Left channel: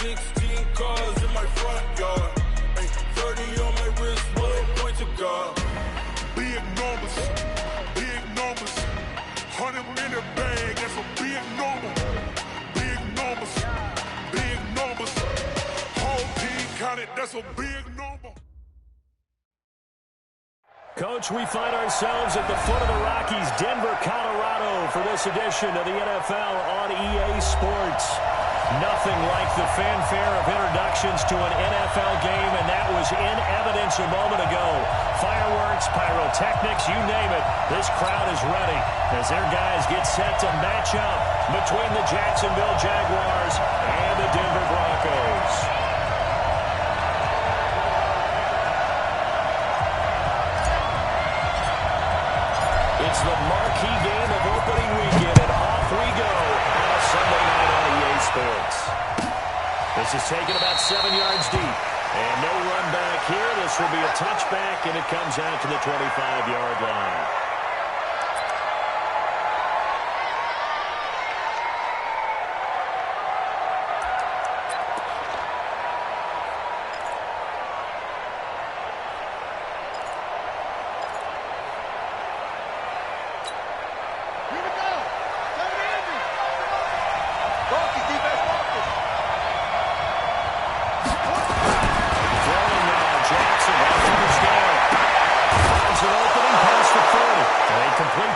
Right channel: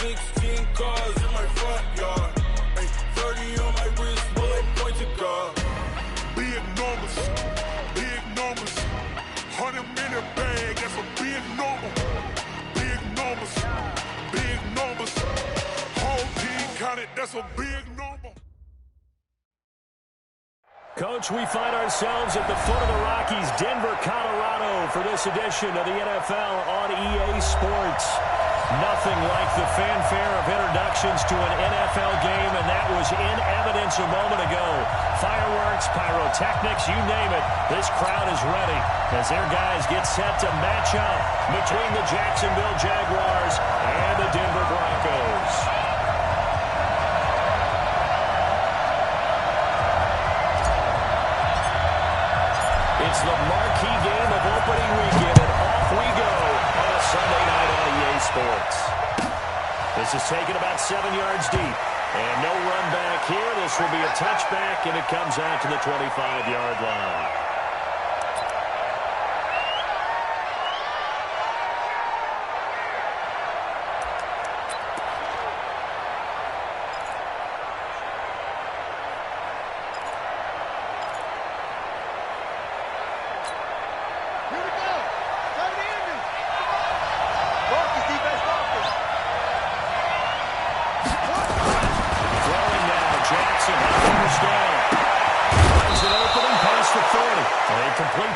16 cars in my front yard. Ay, 30 on my wrist, one point to God. Big numbers, big numbers. 100-minute bag, that's a big number. Big numbers, big numbers. Whole team counted, that's a big number. Coach, we find ourselves at the foot of the Rockies, Denver, Colorado, for this edition of the NFL on EA Sports. Nothing like the fanfare of introductions to an NFL game, and that was in evidence a moment ago. Fireworks, pyrotechnics, you name it. This crowd is ready as their guys get set to match up between the Jacksonville Jaguars and the Denver Broncos. It's the marquee game of opening weekend, and off we go on a Sunday night on EA Sports. This is taken about 7 yards deep, and no run back here. This will be a touchback, and it comes out to the 25-yard line.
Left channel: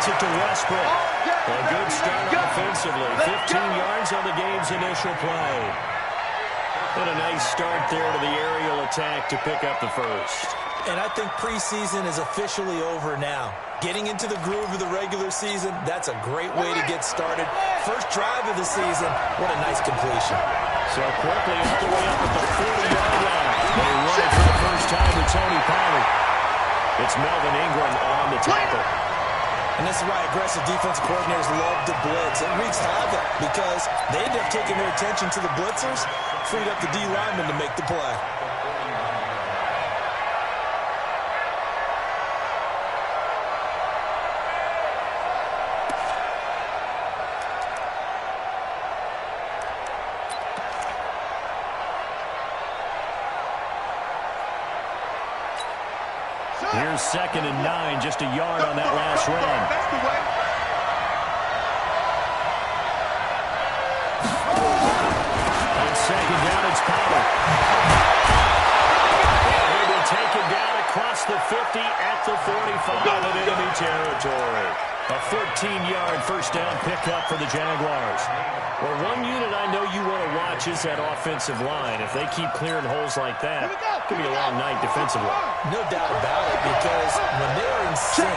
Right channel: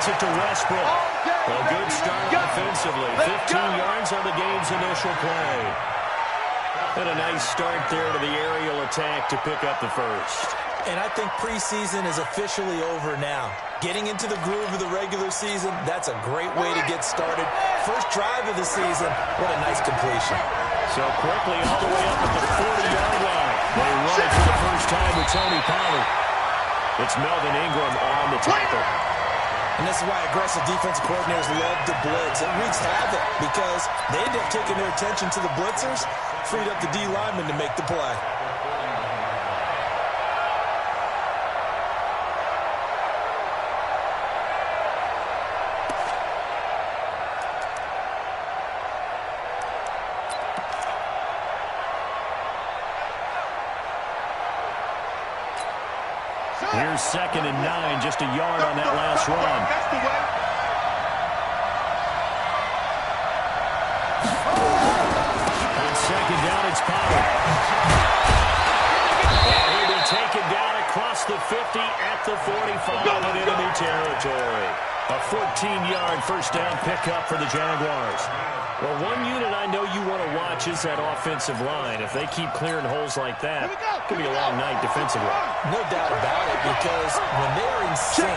It to Westbrook. A good start offensively. 15 yards on the game's initial play. And a nice start there to the aerial attack to pick up the first. And I think preseason is officially over now. Getting into the groove of the regular season, that's a great way to get started. First drive of the season, what a nice completion. So quickly all the way up at the 40-yard line. They run it for the first time with Tony Pollard. It's Melvin Ingram on the tackle. And this is why aggressive defensive coordinators love to blitz. It wreaks havoc because they end up taking their attention to the blitzers, freed up the D lineman to make the play. Here's 2nd and 9, just a yard on that last run. That's the way. On 2nd down, it's Pollard. And he'll be taken down across the 50 at the 45 in enemy territory. A 14-yard first down pickup for the Jaguars. Well, one unit I know you want to watch is that offensive line. If they keep clearing holes like that, it could be a long night defensively. No doubt about it, because when they're in sync,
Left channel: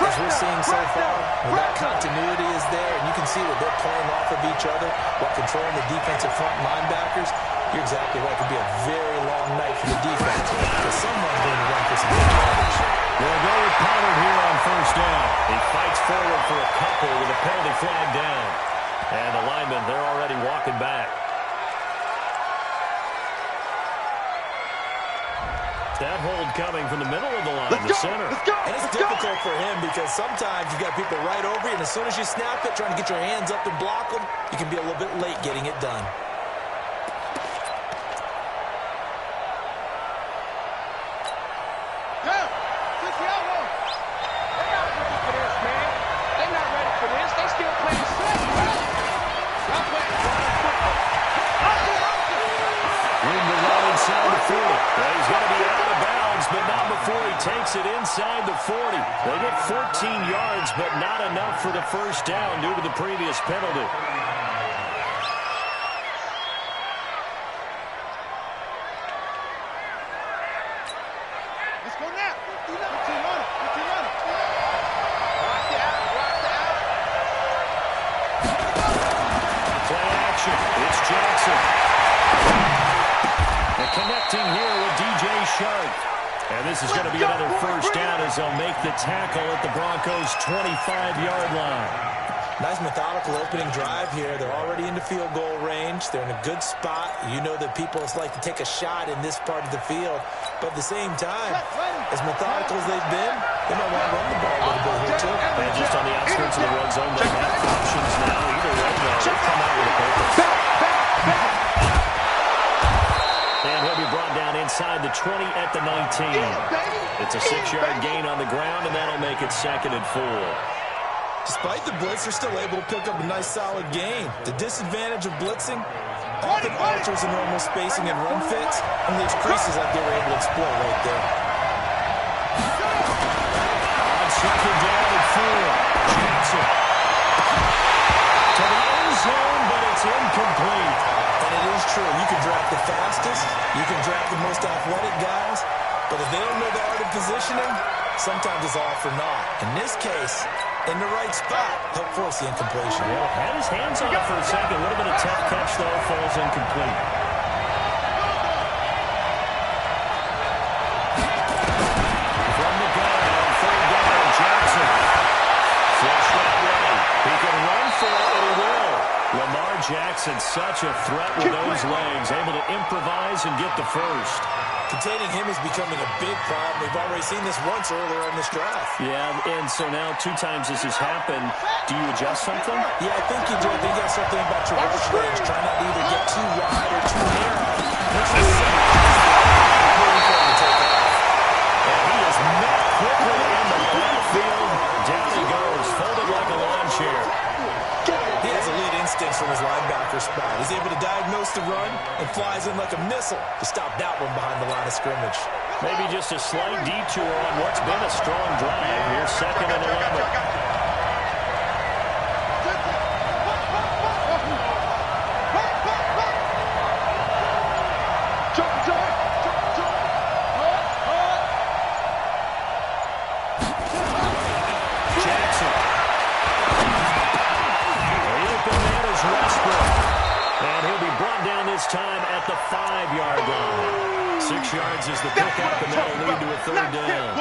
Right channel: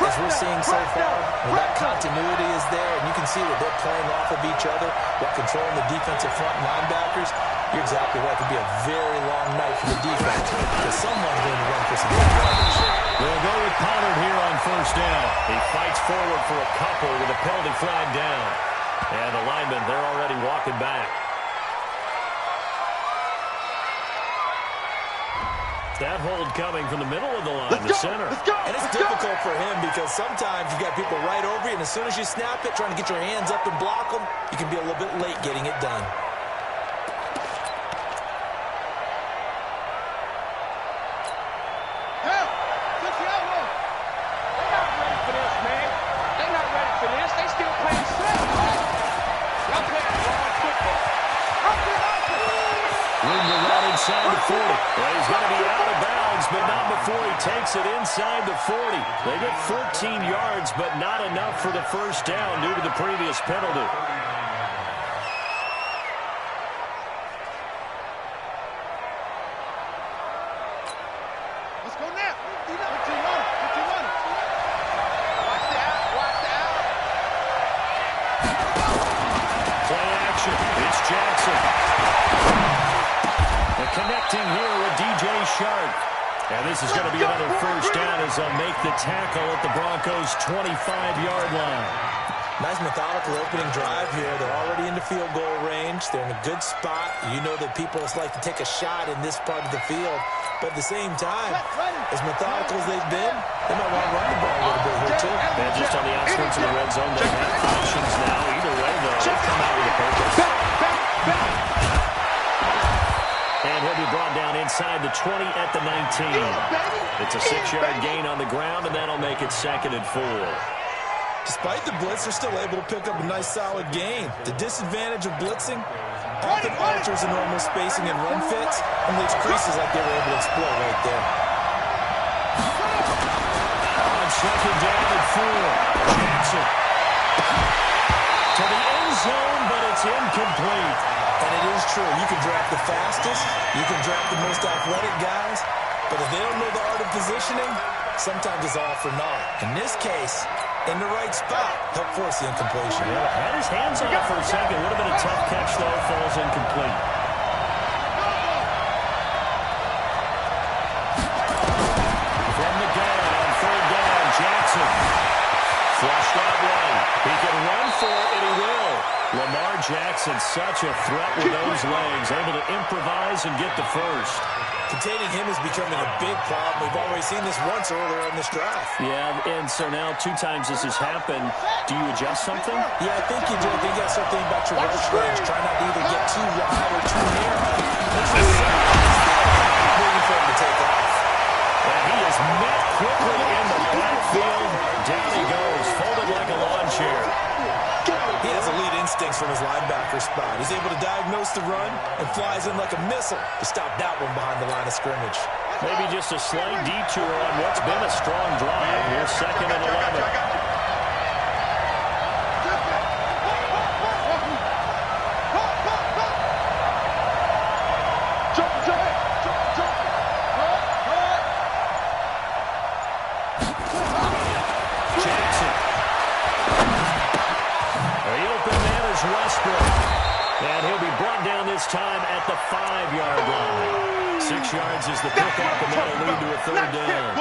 as we're seeing so far, when that continuity is there, and you can see that they're playing off of each other while controlling the defensive front linebackers, you're exactly right. It could be a very long night for the defense because someone's going to run for some big yardage. They'll go with Pollard here on first down. He fights forward for a couple with a penalty flag down. And the linemen, they're already walking back. That hold coming from the middle of the line, the center. And it's difficult for him because sometimes you've got people right over you, and as soon as you snap it, trying to get your hands up and block them, you can be a little bit late getting it done. Inside the 40. Well, he's going to be out of bounds, but not before he takes it inside the 40. They get 14 yards, but not enough for the first down due to the previous penalty. Let's go now. Put your on it. Put your on it. Watch the out. Watch the out. Play action. It's Jackson. And connecting here with DJ Shark. And this is going to be another first down as they'll make the tackle at the Broncos' 25-yard line. Nice methodical opening drive here. They're already into field goal range. They're in a good spot. You know that people like to take a shot in this part of the field. But at the same time, as methodical as they've been, they might want to run the ball a little bit here too. And just on the outskirts of the red zone, they have options now. Either way, though, they've come out with a purpose. down inside the 20 at the 19. It's a 6-yard gain on the ground, and that'll make it 2nd and 4. Despite the blitz, they're still able to pick up a nice, solid gain. The disadvantage of blitzing often alters the normal spacing and run fits and leaves creases like they were able to exploit right there. On 2nd down and 4, Jackson to the end zone, but it's incomplete. And it is true. You can draft the fastest, you can draft the most athletic guys, but if they don't know the art of positioning, sometimes it's all for naught. In this case, in the right spot, help force the incompletion. Yeah, had his hands off for a second. Would have been a tough catch, though. Falls incomplete. From the gun on 3rd down, Jackson. Flushed that way. He can run for it, and he will. Lamar Jackson, such a threat with those legs, able to improvise and get the first. Containing him is becoming a big problem. We've already seen this once earlier on this drive. Yeah, and so now 2 times this has happened. Do you adjust something? Yeah, I think you do. I think you got to start thinking about your rush range. Try not to either get too wide or too narrow. Waiting for him to take off. And he is met quickly in the backfield. Down he goes, folded like a lawn chair. He has elite instincts from his linebacker spot. He's able to diagnose the run and flies in like a missile to stop that one behind the line of scrimmage. Maybe just a slight detour on what's been a strong drive. Here's 2nd and 11. Jackson. The open man is Westbrook. And he'll be brought down this time at the 5-yard line. 6 yards is the pickup, and that'll lead to a 3rd down.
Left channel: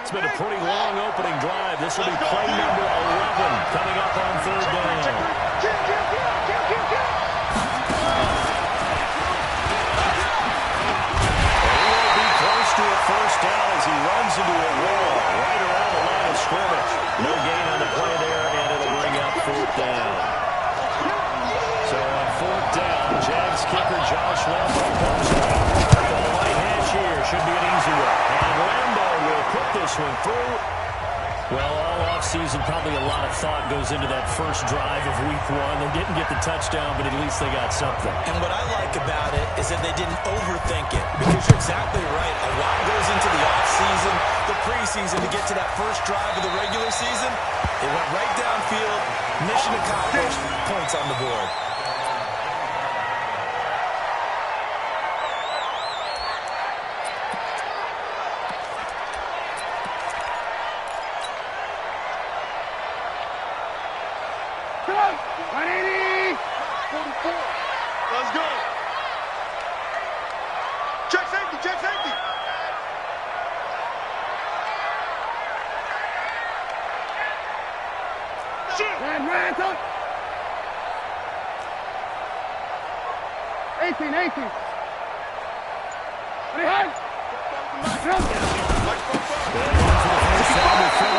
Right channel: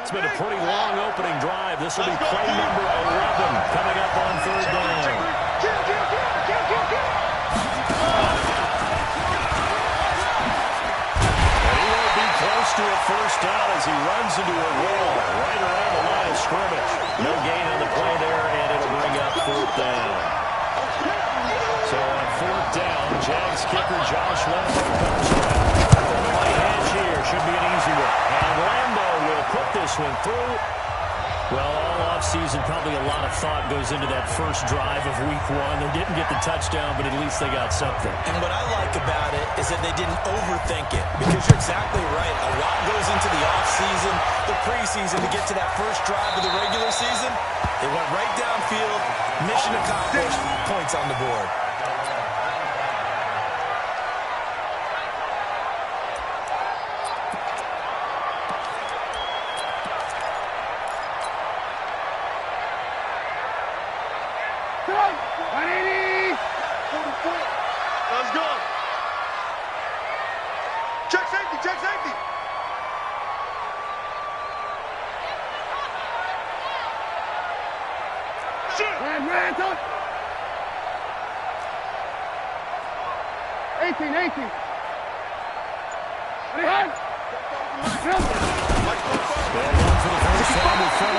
It's been a pretty long opening drive. This will be play number 11 coming up on 3rd down. And he will be close to a 1st down as he runs into a wall right around the line of scrimmage. No gain on the play there, and it'll bring up 4th down. So on 4th down, Jags kicker Josh Lambo comes from the right hash here. Should be an easy one. And Lambo will put this one through. Well, all offseason, probably a lot of thought goes into that first drive of Week 1. They didn't get the touchdown, but at least they got something. And what I like about it is that they didn't overthink it, because you're exactly right. A lot goes into the offseason, the preseason to get to that first drive of the regular season. It went right downfield, mission accomplished, points on the board. Let's go. Check safety, check safety. Man, touch. 18. Ready, hand.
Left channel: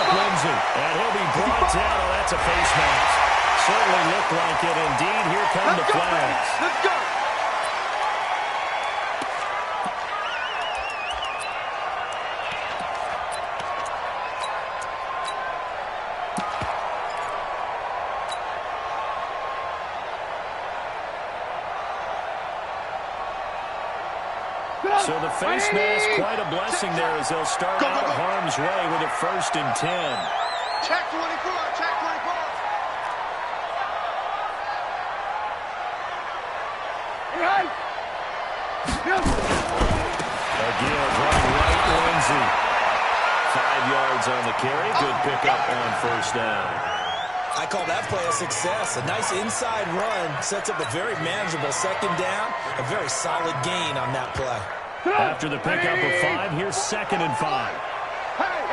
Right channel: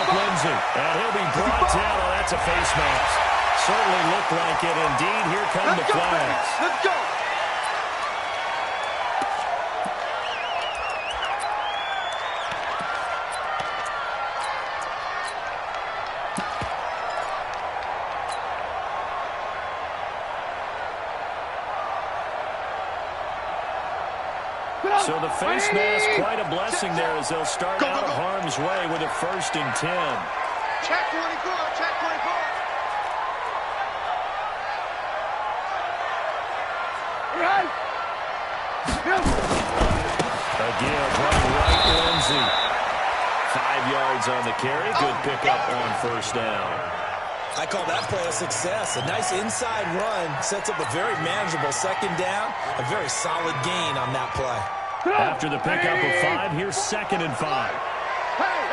Lindsay, and he'll be brought down. Oh, that's a face mask. Certainly looked like it. Indeed, here come the flags. Let's go. So the face mask, quite a blessing there as they'll start out of harm's way with a 1st and 10. Check 24, check 24. Again, right, Lindsay. 5 yards on the carry. Good pickup on 1st down. I call that play a success. A nice inside run sets up a very manageable 2nd down. A very solid gain on that play. After the pickup of 5, here's 2nd and 5. Hey.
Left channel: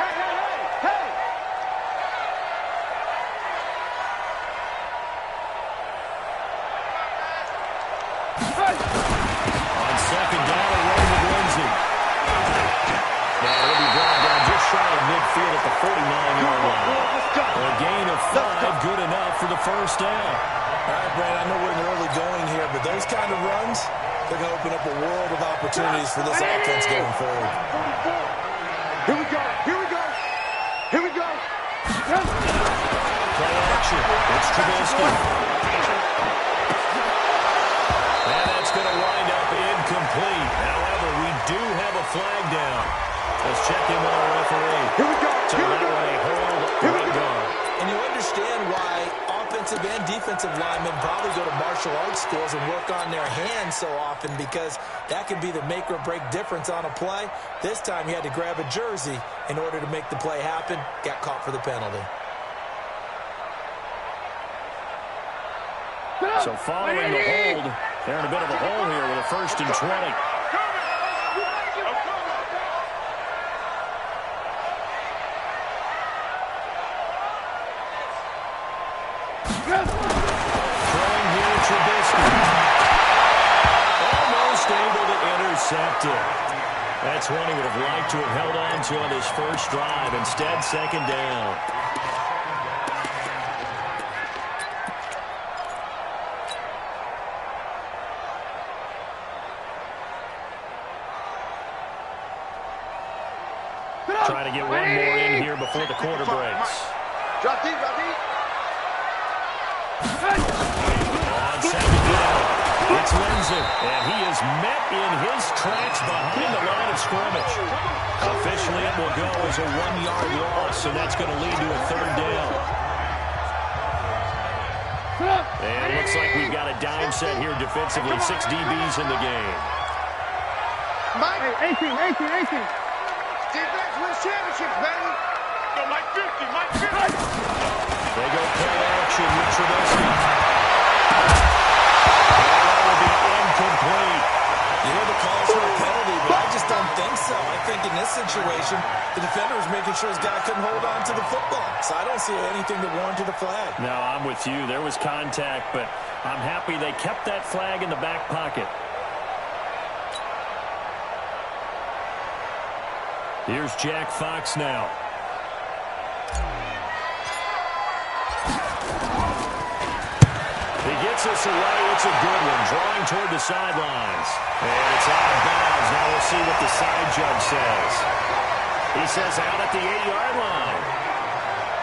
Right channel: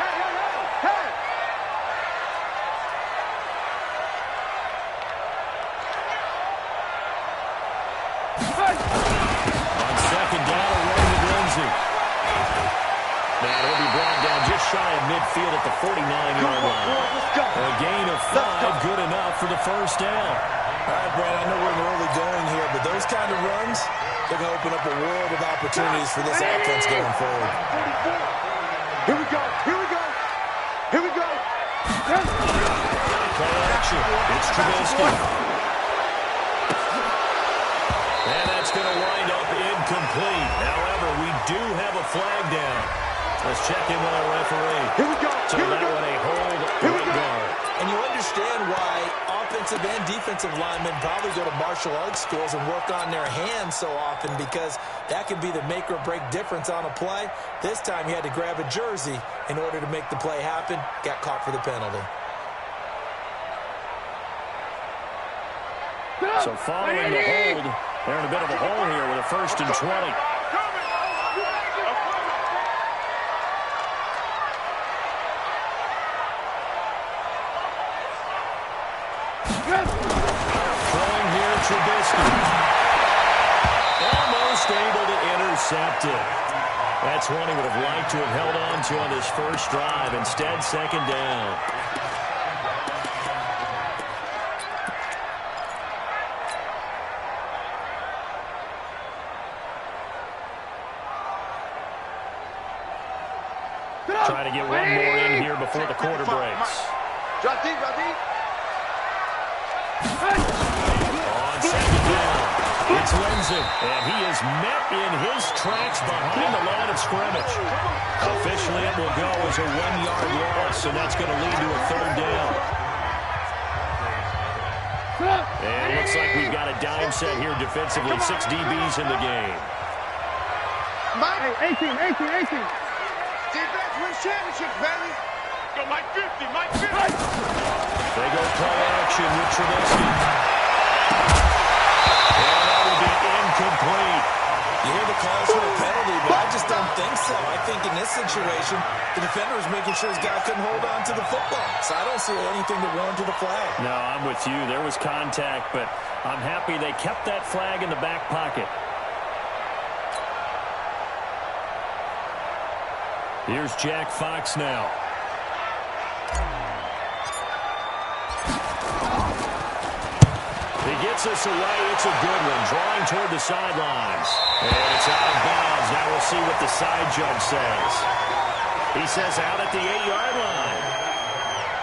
On 2nd down, a run with Lindsay. shy of midfield at the 49-yard line. A gain of 5, good enough for the first down. All right, Brandon, I know we're in the early going here, but those kind of runs, they're going to open up a world of opportunities for this offense going forward. Here we go. Here we go. Here we go. Play action. It's Trubisky. And that's going to wind up incomplete. However, we do have a flag down. Let's check in with our referee. Here we go. So that one a hold right guard. And you understand why offensive and defensive linemen probably go to martial arts schools and work on their hands so often, because that can be the make or break difference on a play. This time he had to grab a jersey in order to make the play happen. Got caught for the penalty. So following the hold, they're in a bit of a hole here with a 1st and 20. Throwing here, Trubisky. Almost able to intercept it. That's one he would have liked to have held on to on his first drive. Instead, 2nd down. Try to get one more in here before the quarter breaks. Drop deep, drop deep. On 2nd down, it's Lindsay, and he is met in his tracks behind the line of scrimmage. Officially, it will go as a 1-yard loss, and that's going to lead to a 3rd down. And it looks like we've got a dime set here defensively. 6 DBs in the game. Mike, 18. Defense wins championships, baby. Go Mike 50, Mike 50. They go play action with Trubisky. And that will be incomplete. You hear the calls for a penalty, but I just don't think so. I think in this situation, the defender was making sure his guy couldn't hold on to the football. So I don't see anything that warranted a flag. No, I'm with you. There was contact, but I'm happy they kept that flag in the back pocket. Here's Jack Fox now. He gets us away. It's a good one. Drawing toward the sidelines. And it's out of bounds. Now we'll see what the side judge says. He says out at the 8-yard line.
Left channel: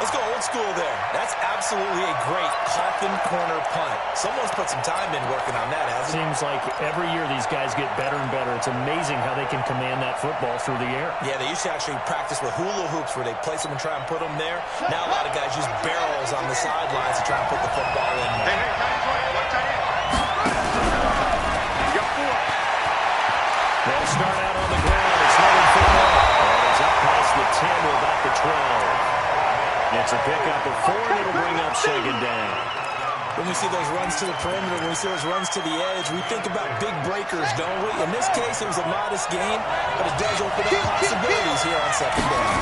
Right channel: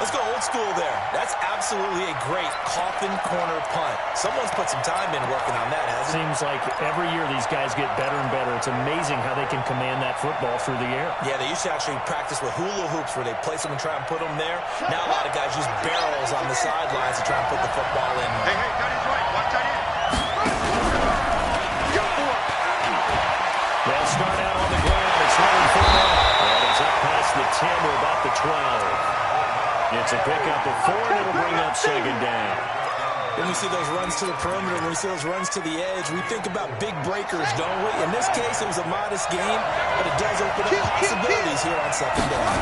Let's go old school there. That's absolutely a great coffin corner punt. Someone's put some time in working on that, hasn't it? Seems like every year these guys get better and better. It's amazing how they can command that football through the air. Yeah, they used to actually practice with hula hoops where they place them and try and put them there. Now a lot of guys use barrels on the sidelines to try and put the football in. Hey, tight end's right. Watch tight end. You got 4. They'll start out on the ground. It's Leonard Fournette. And he's up past the 10 to about the 12. It's a pickup of 4, and it'll bring up 2nd down. When we see those runs to the perimeter, when we see those runs to the edge, we think about big breakers, don't we? In this case, it was a modest game, but it does open up possibilities here on 2nd down.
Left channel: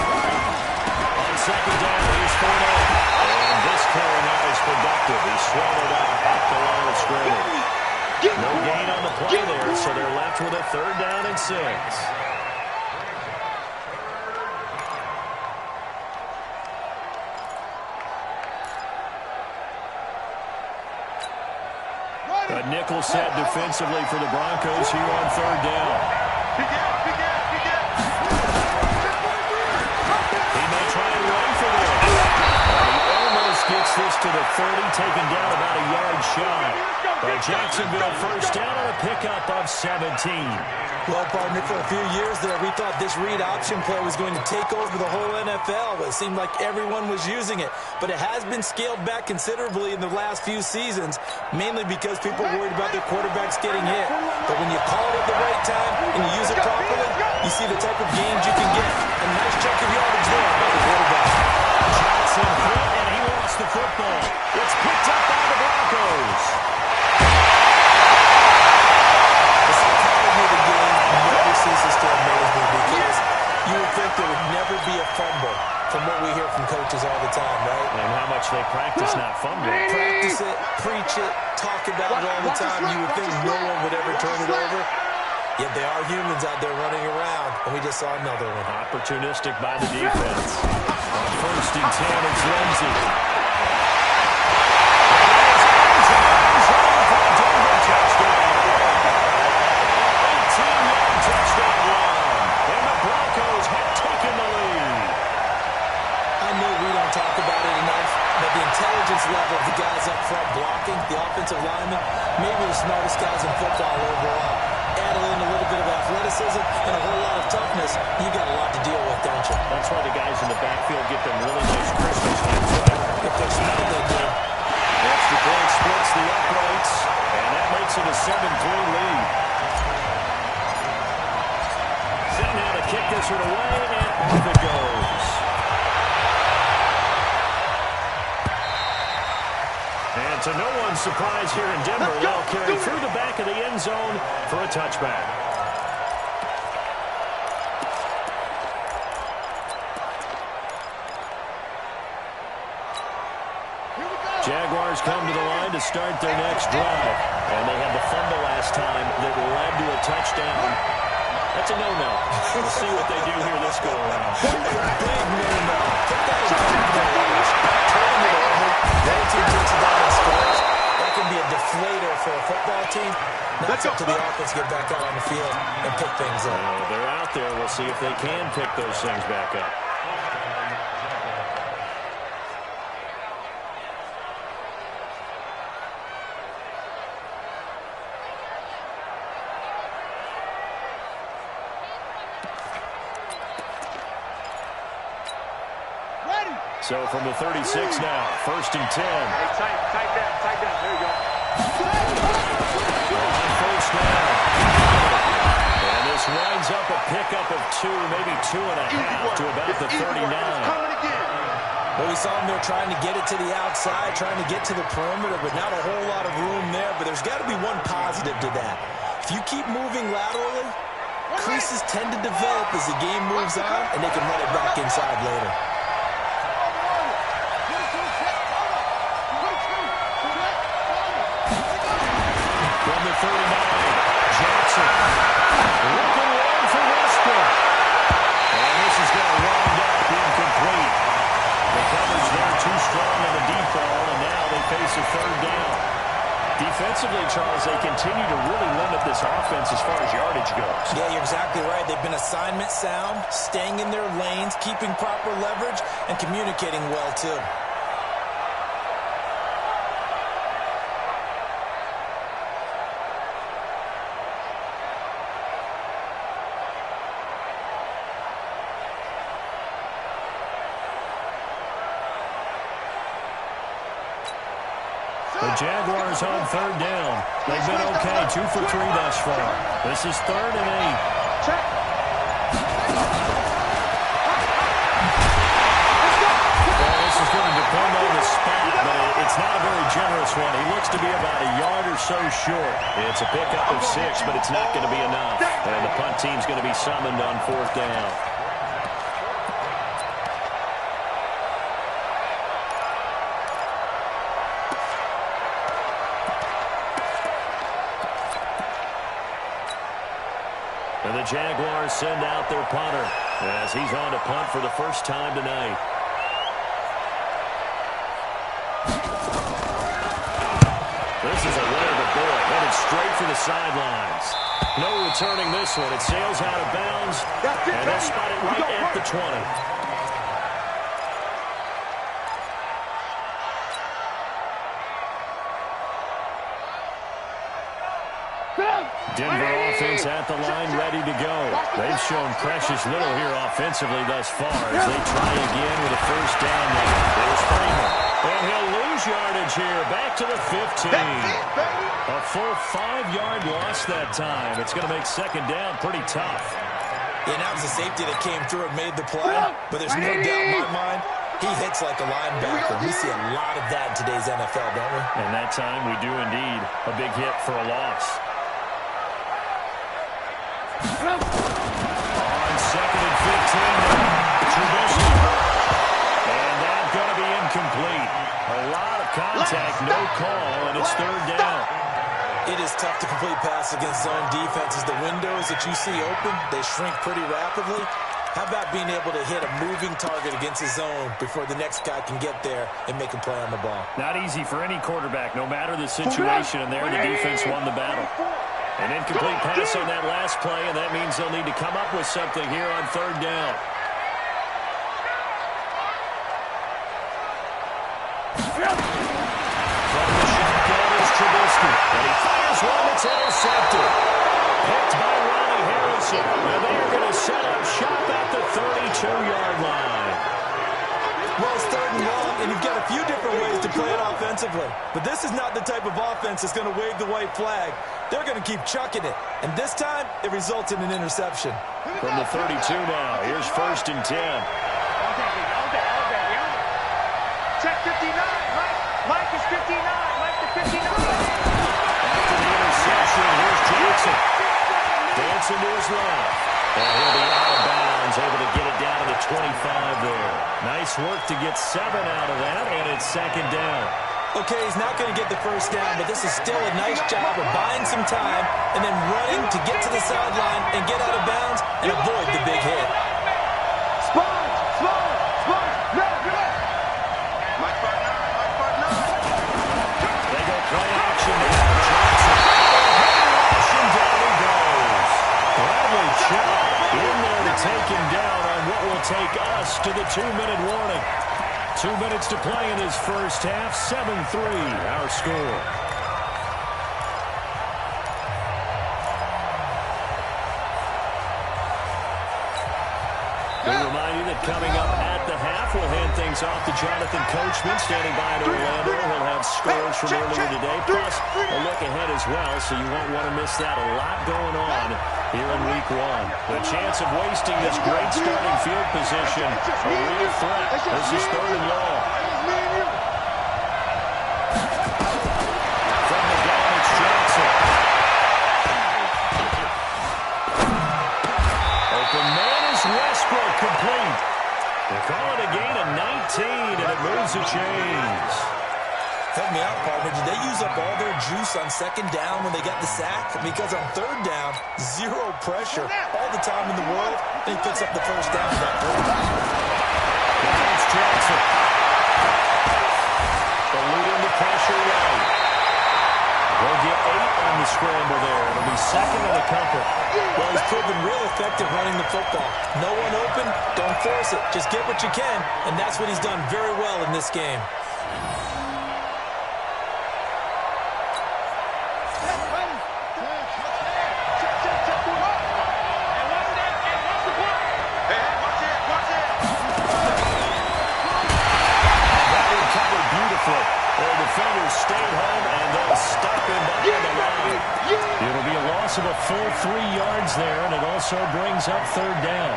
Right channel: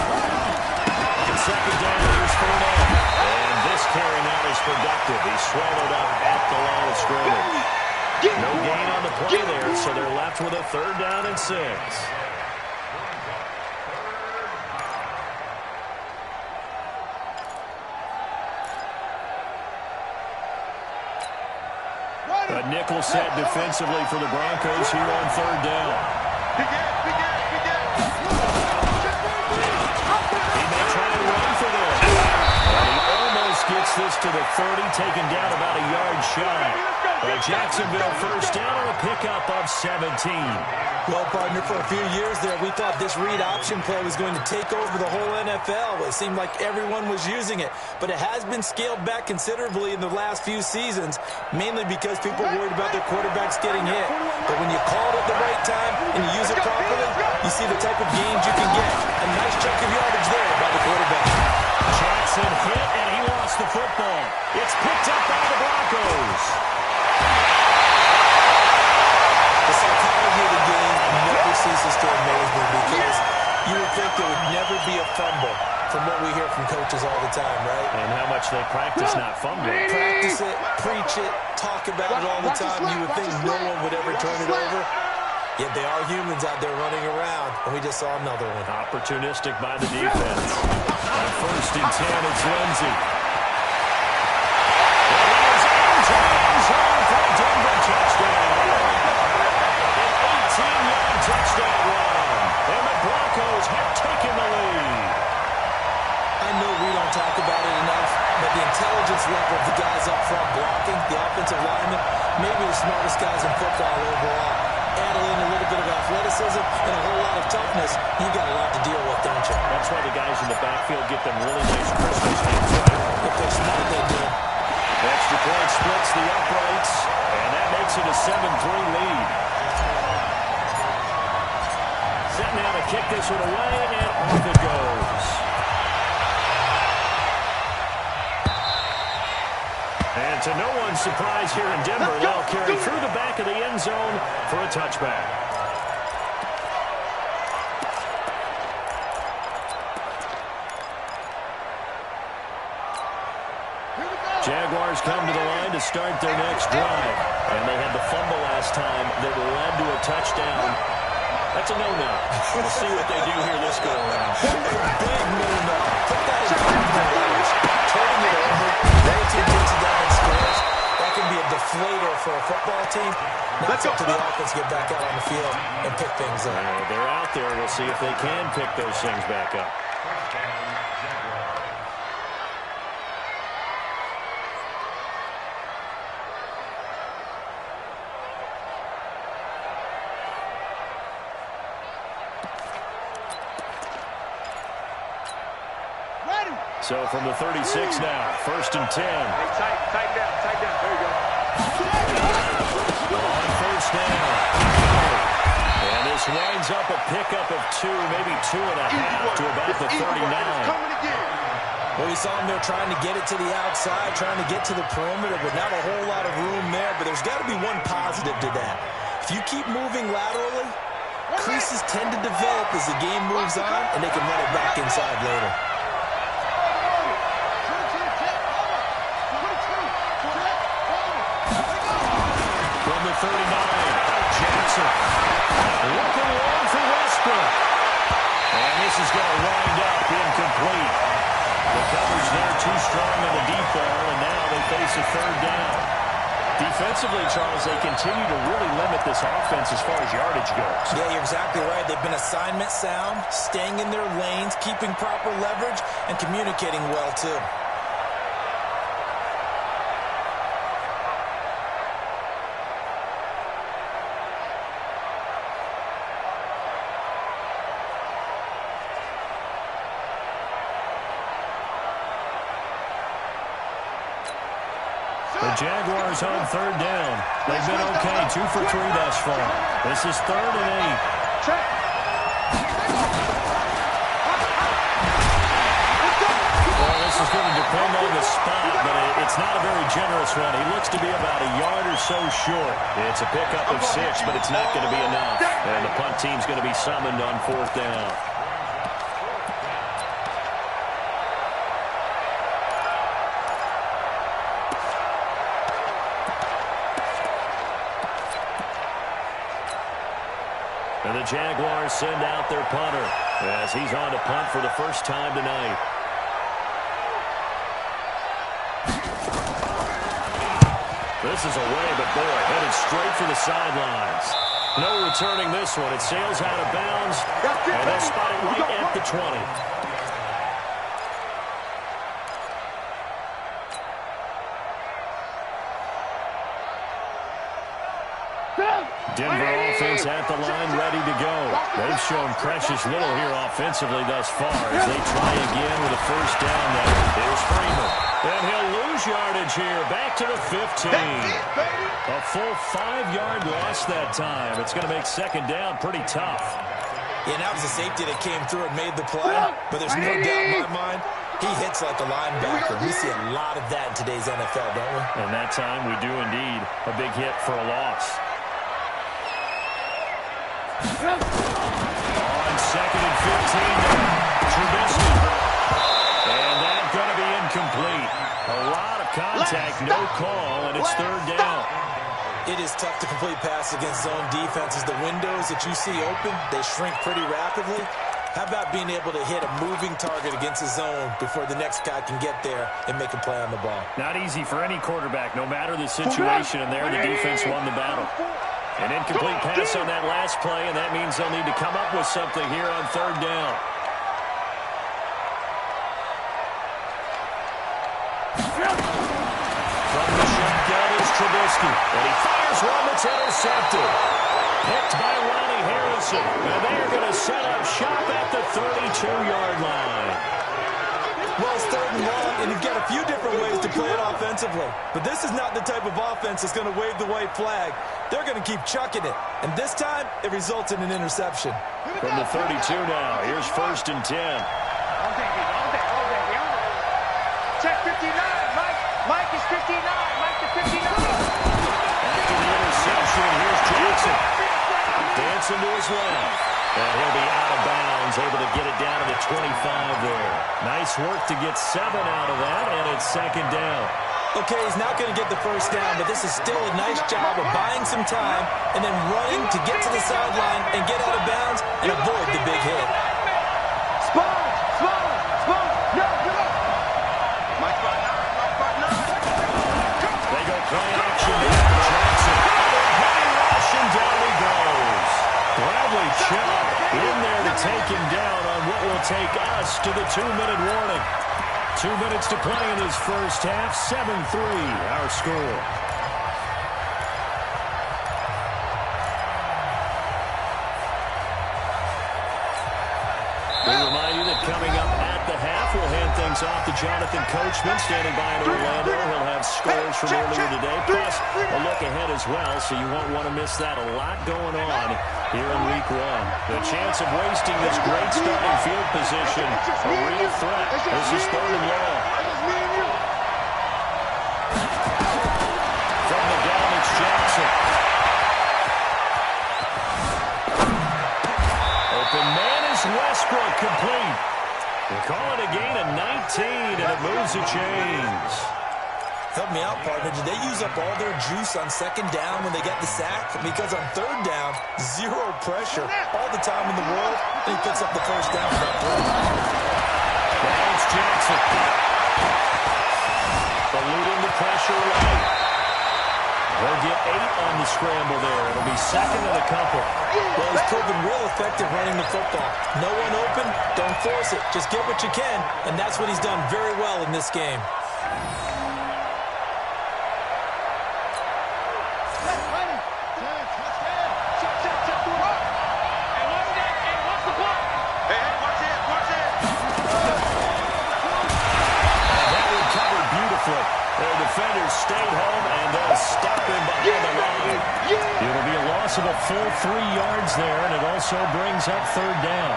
On 2nd down, here's Fournette. And this carry not as productive. He's swallowed up at the line of scrimmage. No gain on the play there, so they're left with a 3rd down and 6. A nickel set defensively for the Broncos here on 3rd down. He may try and run for this. And he almost gets this to the 30, taken down about a yard shy. But Jacksonville 1st down on a pickup of 17. Well, partner, for a few years there, we thought this read option play was going to take over the whole NFL. It seemed like everyone was using it. But it has been scaled back considerably in the last few seasons, mainly because people are worried about their quarterbacks getting hit. But when you call it at the right time and you use it properly, you see the type of gains you can get. A nice chunk of yardage there by the quarterback. Jackson hit, and he lost the football. It's picked up by the Broncos. The psychology of the game never ceases to amaze me, because you would think there would never be a fumble from what we hear from coaches all the time, right? And how much they practice not fumbling. Practice it, preach it, talk about it all the time. You would think no one would ever turn it over. Yet they are humans out there running around, and we just saw another one. Opportunistic by the defense. On 1st and 10, it's Lindsey. For a Denver touchdown. An 18-yard touchdown run. And the Broncos have taken the lead. I know we don't talk about it enough, but the intelligence level of the guys up front blocking, the offensive linemen, maybe the smartest guys in football overall. Add in a little bit of athleticism and a whole lot of toughness, you got a lot to deal with, don't you? That's why the guys in the backfield get them really nice Christmas gifts, right? If they're smart, they do. Extra point splits the uprights, and that makes it a 7-3 lead. Set now to kick this one away, and off it goes. And to no one's surprise here in Denver, they'll carry through the back of the end zone for a touchback. Jaguars come to the line to start their next drive. And they had the fumble last time that led to a touchdown. That's a no-no. We'll see what they do here this go-around. Big no-no. Put that in coverage. Turning it over. The other team takes it down and scores. That can be a deflator for a football team. Now it's up to the offense to get back out on the field and pick things up. Well, they're out there. We'll see if they can pick those things back up. So from the 36 now, 1st and 10. Hey, tight down. There you go. On 1st down. And this winds up a pickup of 2, maybe 2.5 to about the 39. Well, we saw him there trying to get it to the outside, trying to get to the perimeter, but not a whole lot of room there. But there's got to be one positive to that. If you keep moving laterally, creases tend to develop as the game moves on, and they can run it back inside later. From the 39, Jackson looking long for Westbrook. And this is going to wind up incomplete. The coverage there too strong on the deep ball, and now they face a 3rd down. Defensively, Charles, they continue to really limit this offense as far as yardage goes. Yeah, you're exactly right. They've been assignment sound, staying in their lanes, keeping proper leverage, and communicating well, too. The Jaguars on 3rd down. They've been okay, 2 for 3 thus far. This is 3rd and 8. Check. Well, this is going to depend on the spot, but it's not a very generous one. He looks to be about a yard or so short. It's a pickup of 6, but it's not going to be enough. And the punt team's going to be summoned on 4th down. And the Jaguars send out their punter as he's on to punt for the first time tonight. This is away, but boy, headed straight for the sidelines. No returning this one. It sails out of bounds, and they'll spot it right at the 20. Denver offense at the line, ready to go. They've shown precious little here offensively thus far as they try again with a 1st down there. There's Freeman. And he'll lose yardage here, back to the 15. A full 5-yard loss that time. It's going to make 2nd down pretty tough. Yeah, that was a safety that came through and made the play, but there's no doubt in my mind he hits like a linebacker. We see a lot of that in today's NFL, don't we? And that time we do indeed. A big hit for a loss. On 2nd and 15 now, Trubisky. And that's going to be incomplete. A lot of contact, no call, and it's 3rd down. It is tough to complete passes against zone defenses. The windows that you see open, they shrink pretty rapidly. How about being able to hit a moving target against a zone before the next guy can get there and make a play on the ball? Not easy for any quarterback, no matter the situation, and there the defense won the battle. An incomplete pass on that last play, and that means they'll need to come up with something here on third down. From the shotgun is Trubisky, and he fires one that's intercepted. Picked by Ronnie Harrison, and they are going to set up shop at the 32-yard line. Well, it's third and long, and you've got a few different ways to play it offensively. But this is not the type of offense that's going to wave the white flag. They're going to keep chucking it. And this time, it results in an interception. From the 32 now, here's 1st and 10. All day. Check 59, Mike. Mike is 59. Mike to 59. After the interception, here's Jackson. Dancing to his left. And he'll be out of bounds, able to get it down to the 25 there. Nice work to get 7 out of that, and it's 2nd down. Okay, he's not going to get the first down, but this is still a nice job of buying some time and then running to get to the sideline and get out of bounds and avoid the big hit. Sponge. No, good luck. Mike 5'9". They go play action now. Jackson. Heavy rush, and down he goes. Bradley Chubb in there to take him down on what will take us to the 2-minute warning. 2 minutes to play in this first half. 7-3 our score. We remind you that coming up at the half, we'll hand things off to Jonathan Coachman, standing by in Orlando. He'll have scores from earlier today, plus a look ahead as well, so you won't want to miss that. A lot going on here in Week 1. The chance of wasting this great starting field position, a real threat. This is 3rd and long. From the gun, it's Jackson. Open man is Westbrook, complete. They call it a gain of 19, and it moves the chains. Help me out, partner. Did they use up all their juice on 2nd down when they got the sack? Because on 3rd down, 0 pressure all the time in the world, and he picks up the 1st down for that throw. Now it's Jackson. Eluding the pressure right. He'll get 8 on the scramble there. It'll be 2nd and a couple. Well, he's proven real effective running the football. No one open, don't force it. Just get what you can, and that's what he's done very well in this game. That one covered beautifully. Their defenders stayed home, and they'll stop him behind the line. It'll be a loss of a full 3 yards there, and it also brings up 3rd down.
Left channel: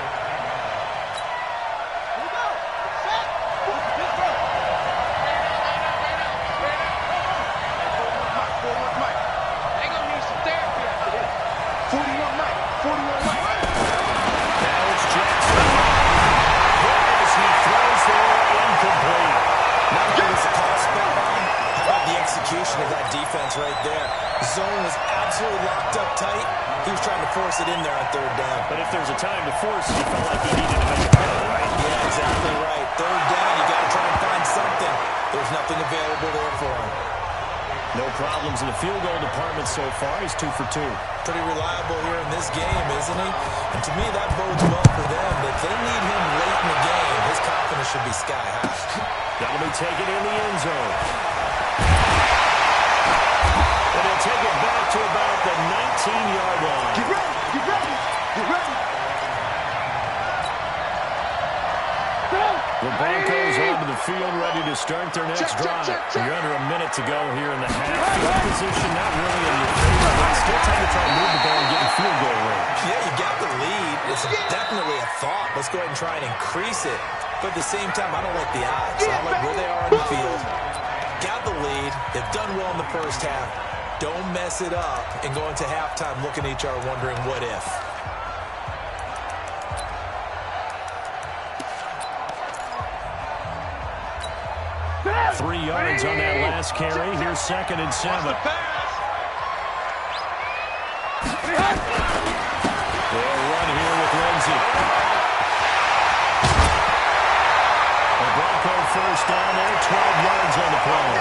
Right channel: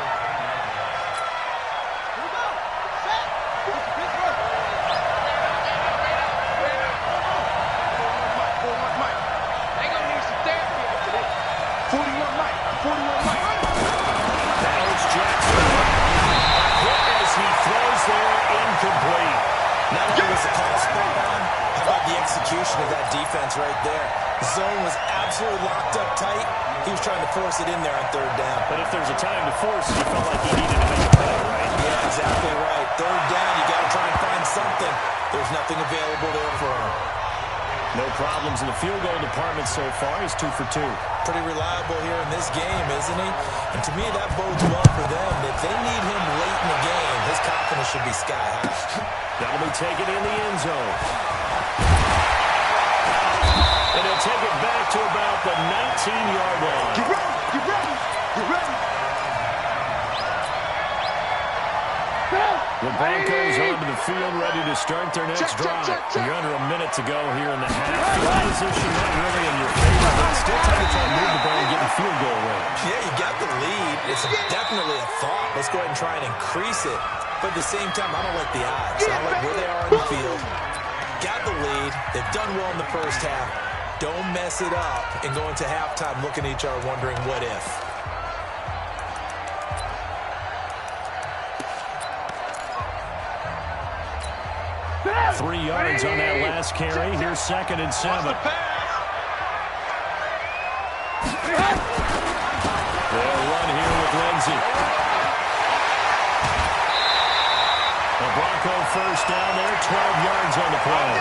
Now it's Jackson. Hit as he throws there, incomplete. Not only was the call spot on, how about the execution of that defense right there? The zone was absolutely locked up tight. He was trying to force it in there on 3rd down. But if there's a time to force it, he felt like he needed to make a play, right? Yeah, exactly right. 3rd down, you got to try and find something. There's nothing available there for him. No problems in the field goal department so far. He's 2 for 2. Pretty reliable here in this game, isn't he? And to me, that bodes well for them. If they need him late in the game, his confidence should be sky high. That'll be taken in the end zone. And he'll take it back to about the 19-yard line. Get ready. The Broncos onto the field, ready to start their next drive. You're under a minute to go here in the half. Field position not really in your favor, but still time to try and move the ball and get in field goal range. Yeah, you got the lead. It's definitely a thought. Let's go ahead and try and increase it. But at the same time, I don't like the odds. I don't like where they are on the field. Got the lead. They've done well in the first half. Don't mess it up and go into halftime looking at each other wondering what if. 3 yards on that last carry. Here's 2nd and 7. first down there, 12 yards on the play.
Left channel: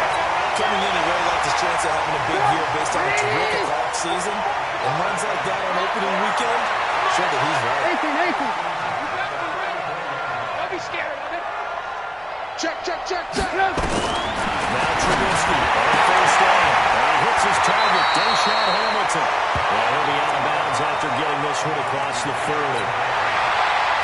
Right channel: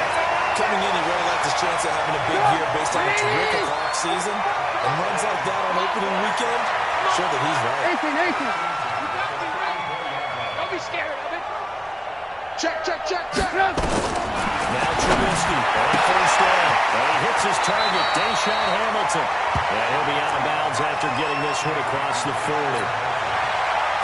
Coming in, he really liked his chance of having a big year based on a terrific offseason. And runs like that on opening weekend, show that he's right. 18. Don't be scared of it. Check. Now Trubisky on first down. And he hits his target, Deshaun Hamilton. And he'll be out of bounds after getting this one across the 40.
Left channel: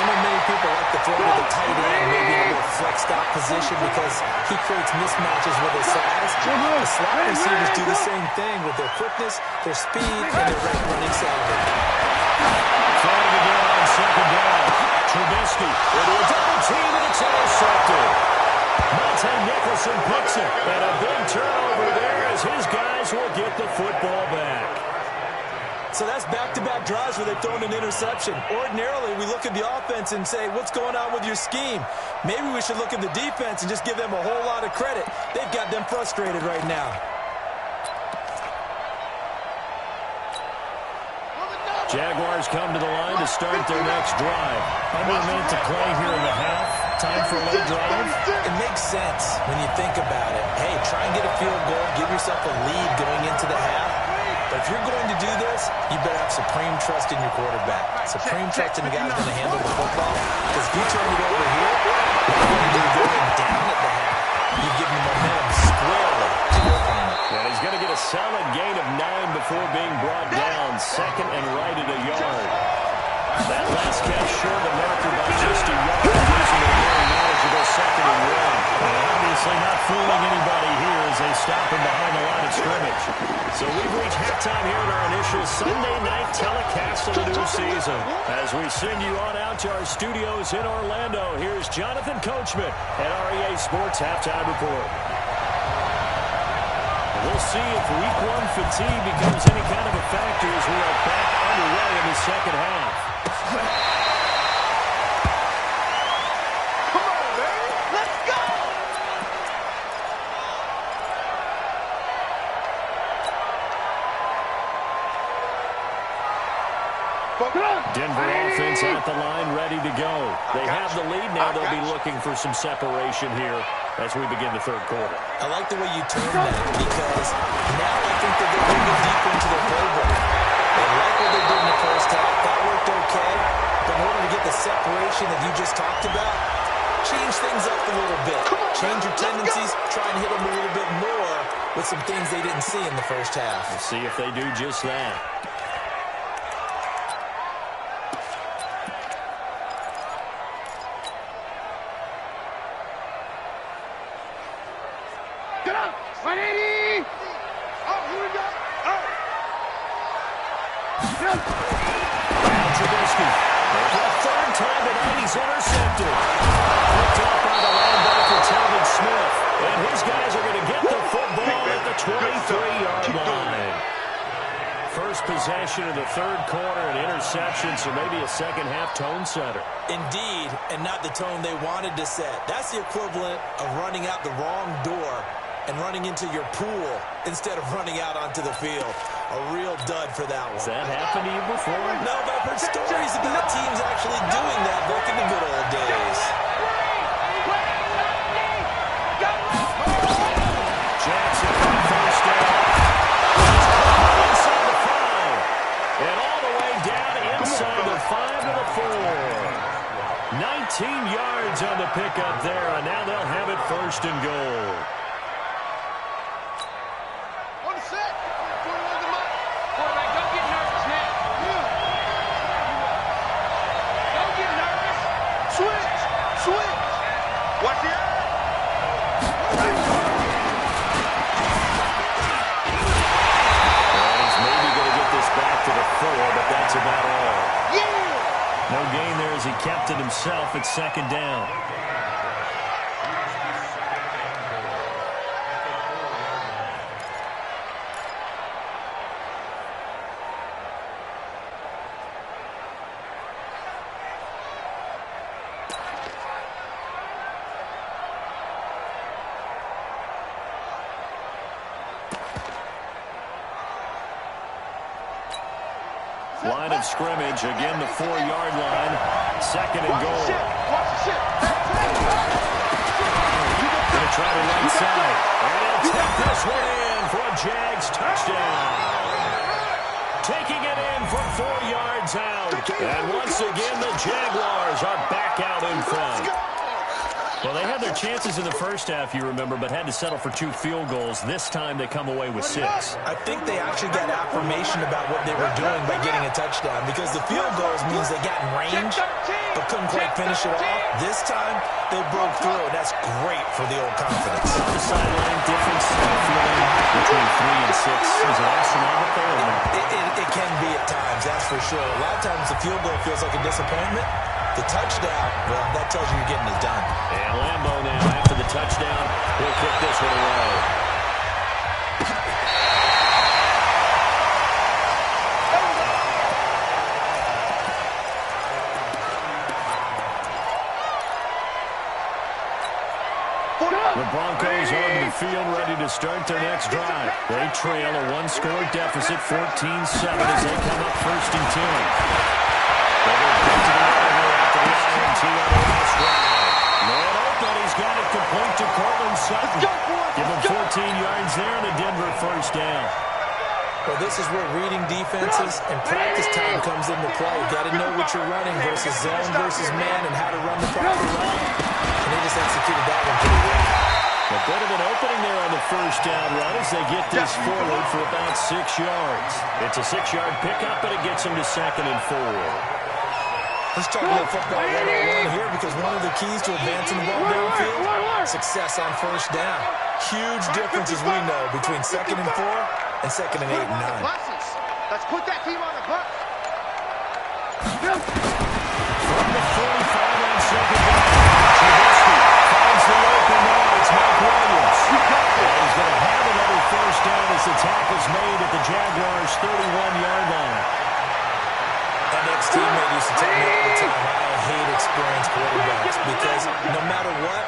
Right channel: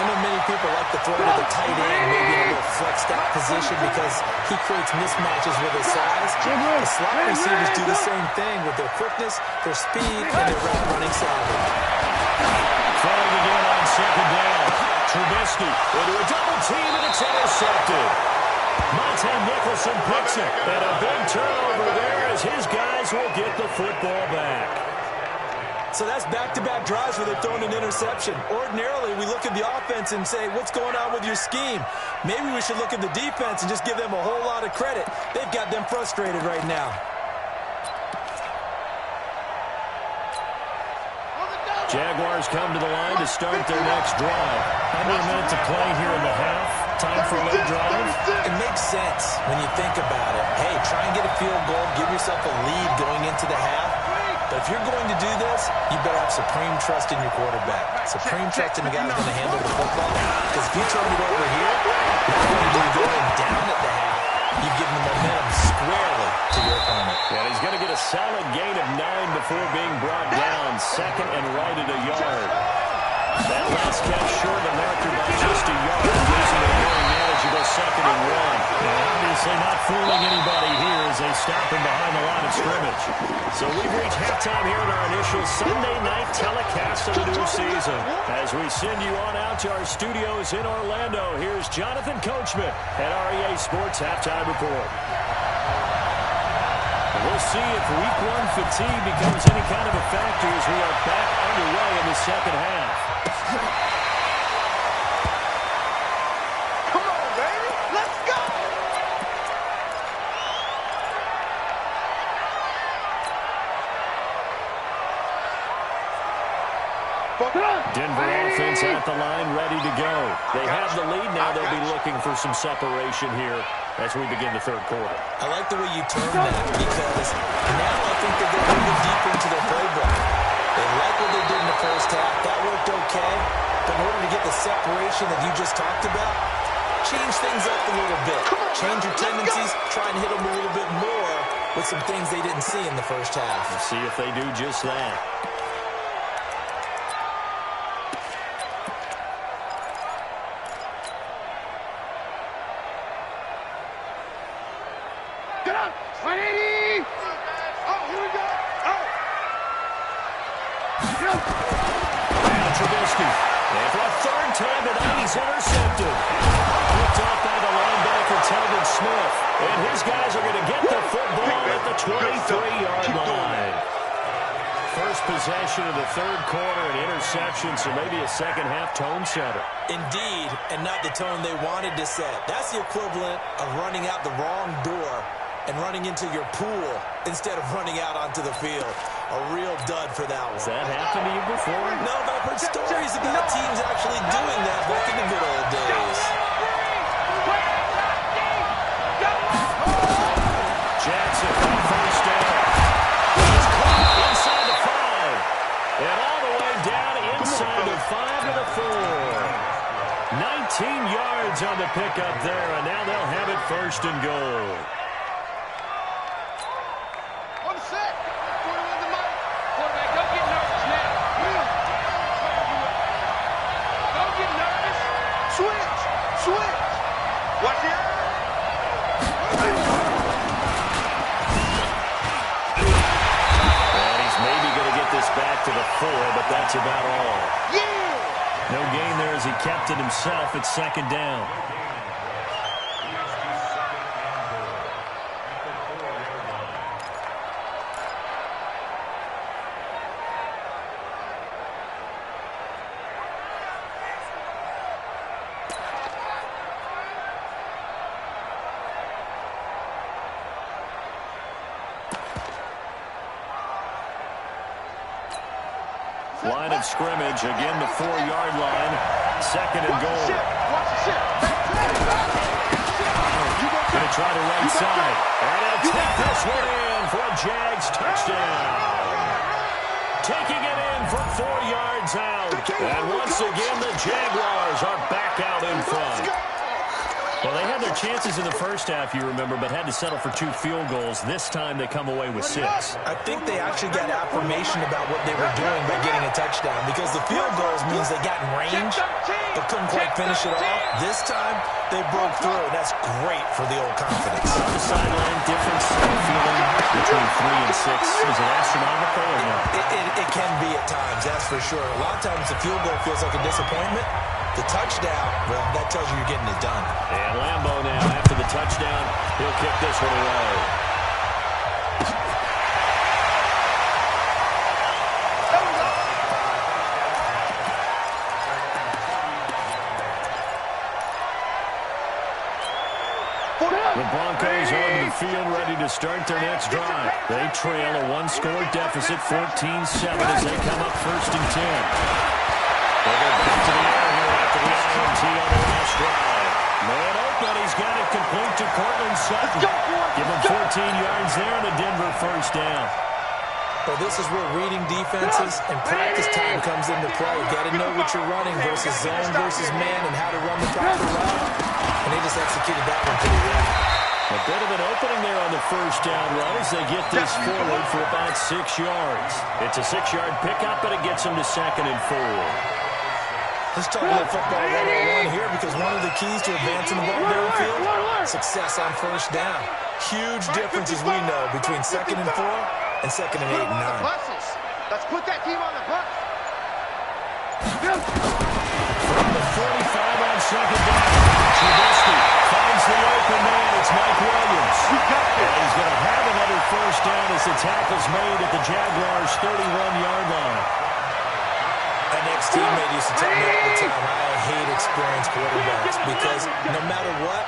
I know many people like to throw to the tight end, maybe in a little flexed out position because he creates mismatches with his size. The slot receivers do the same thing with their quickness, their speed, and their running savvy. Throwing again on second down. Trubisky into a double team, and it's intercepted. Monte Nicholson picks it, and a big turnover there as his guys will get the football back. So that's back-to-back drives where they've thrown an interception. Ordinarily, we look at the offense and say, what's going on with your scheme? Maybe we should look at the defense and just give them a whole lot of credit. They've got them frustrated right now. Jaguars come to the line to start their next drive. Under a minute to play here in the half. Time for a late drive. It makes sense when you think about it. Hey, try and get a field goal. Give yourself a lead going into the half. But if you're going to do this, you better have supreme trust in your quarterback. Supreme trust in the guy who's going to handle the football. Because if you turn it over here, not only do you go down at the half, you've given the momentum squarely to your opponent. And he's going to get a solid gain of 9 before being brought down. Second and right at a yard. That last catch short of the marker by just a yard, losing a very manageable second and one. And obviously not fooling anybody here as they stop him behind the line of scrimmage. So we've reached halftime here in our initial Sunday night telecast of the new season. As we send you on out to our studios in Orlando, here's Jonathan Coachman at REA Sports Halftime Report. We'll see if Week 1 fatigue becomes any kind of a factor as we are back underway in the second half. Come on, baby. Let's go. Denver offense at the line, ready to go. They have the lead. Now they'll be looking for some separation here as we begin the third quarter. I like the way you term that because now I think they're going to go deeper into their playbook. They like what they did in the first half. That worked okay. But in order to get the separation that you just talked about, change things up a little bit. Change your tendencies. Try and hit them a little bit more with some things they didn't see in the first half. We'll see if they do just that. Get up. 180. Oh, here we go. Oh. Now Trubisky. And for a third time tonight, he's intercepted. Picked off by the linebacker, Telvin Smith. And his guys are going to get the football at the 23-yard line. First possession of the third quarter, an interception, so maybe a second-half tone setter. Indeed, and not the tone they wanted to set. That's the equivalent of running out the wrong door and running into your pool instead of running out onto the field. A real dud for that one. Has that happened to you before? No, but I've heard stories about teams actually doing that back in the good old days. Jackson on first down. He's caught inside the 5. And all the way down inside the 5 to the 4. 19 yards on the pickup there, and now they'll have it first and goal. On the set. 21 to Mike. Quarterback, don't get nervous now. Don't get nervous. Switch. Watch the eye. And he's maybe going to get this back to the 4, but that's about all. Yeah. No gain there as he kept it himself at second down. Line of scrimmage, again the 4-yard line, second and goal. Watch the ship. They'll try to right side. And he'll take this one in for a Jags touchdown. Taking it in from 4 yards out. And once again, the Jaguars are back out in front. Well, they had their chances in the first half, you remember, but had to settle for 2 field goals. This time they come away with 6. I think they actually got affirmation about what they were doing by getting a touchdown, because the field goals means they got in range but couldn't quite finish it off. This time they broke through, and that's great for the old confidence. On the sideline, difference in feeling between 3 and 6. Is it astronomical or not? It can be at times, that's for sure. A lot of times the field goal feels like a disappointment. The touchdown, well, that tells you you're getting it done. And Lambeau now, after the touchdown, he'll kick this one away. The Broncos onto the field, ready to start their next drive. They trail a 1-score deficit, 14-7, as they come up 1st and 10. They go back to the air here after the INT on the last drive. Man open, he's got it complete to Cortland Sutton. Give him 14 yards there and a Denver 1st down. Well, this is where reading defenses and practice time comes into play. You've got to know what you're running versus zone versus man and how to run the proper route. And they just executed that one pretty well. A bit of an opening there on the 1st down run as they get this forward for about 6 yards. It's a 6-yard pickup, but it gets them to 2nd and 4. Let's talk about football 101 here, because one of the keys to advancing the ball downfield, success on 1st down. Huge differences we know between 2nd and 4 and 2nd and 8 and 9. Let's put that team on the bus. From the 45 on 2nd down, Trubisky finds the open man. It's Mike Williams. And he's going to have another 1st down as the tackle's made at the Jaguars' 31-yard line. An ex-teammate used to tell me all the time, I hate experienced quarterbacks, because no matter what,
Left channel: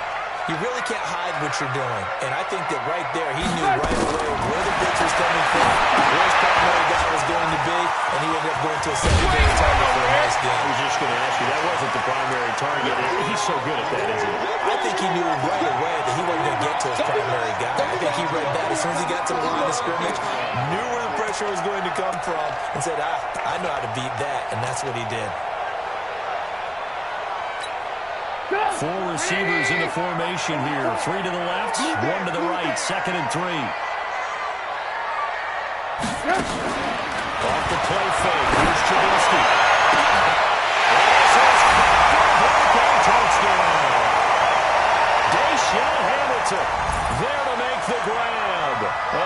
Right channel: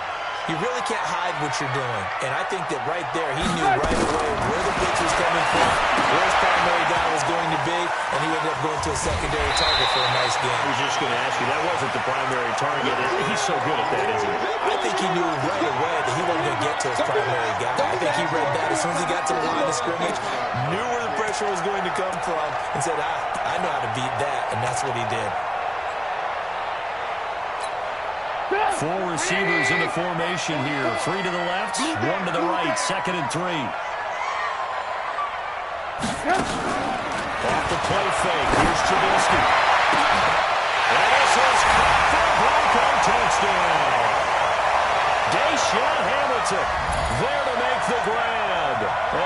you really can't hide what you're doing. And I think that right there, he knew right away where the blitz was coming from, where his primary guy was going to be, and he ended up going to a secondary target for a nice game. I was just going to ask you, that wasn't the primary target. He's so good at that, isn't he? I think he knew right away that he wasn't going to get to his primary guy. I think he read that as soon as he got to the line of scrimmage, knew where the pressure was going to come from, and said, I know how to beat that, and that's what he did. 4 receivers in the formation here. 3 to the left, 1 to the right. 2nd and 3. Off the play fake. Here's Trubisky. And this is caught for a Bronco touchdown. Deshaun Hamilton there to make the grab,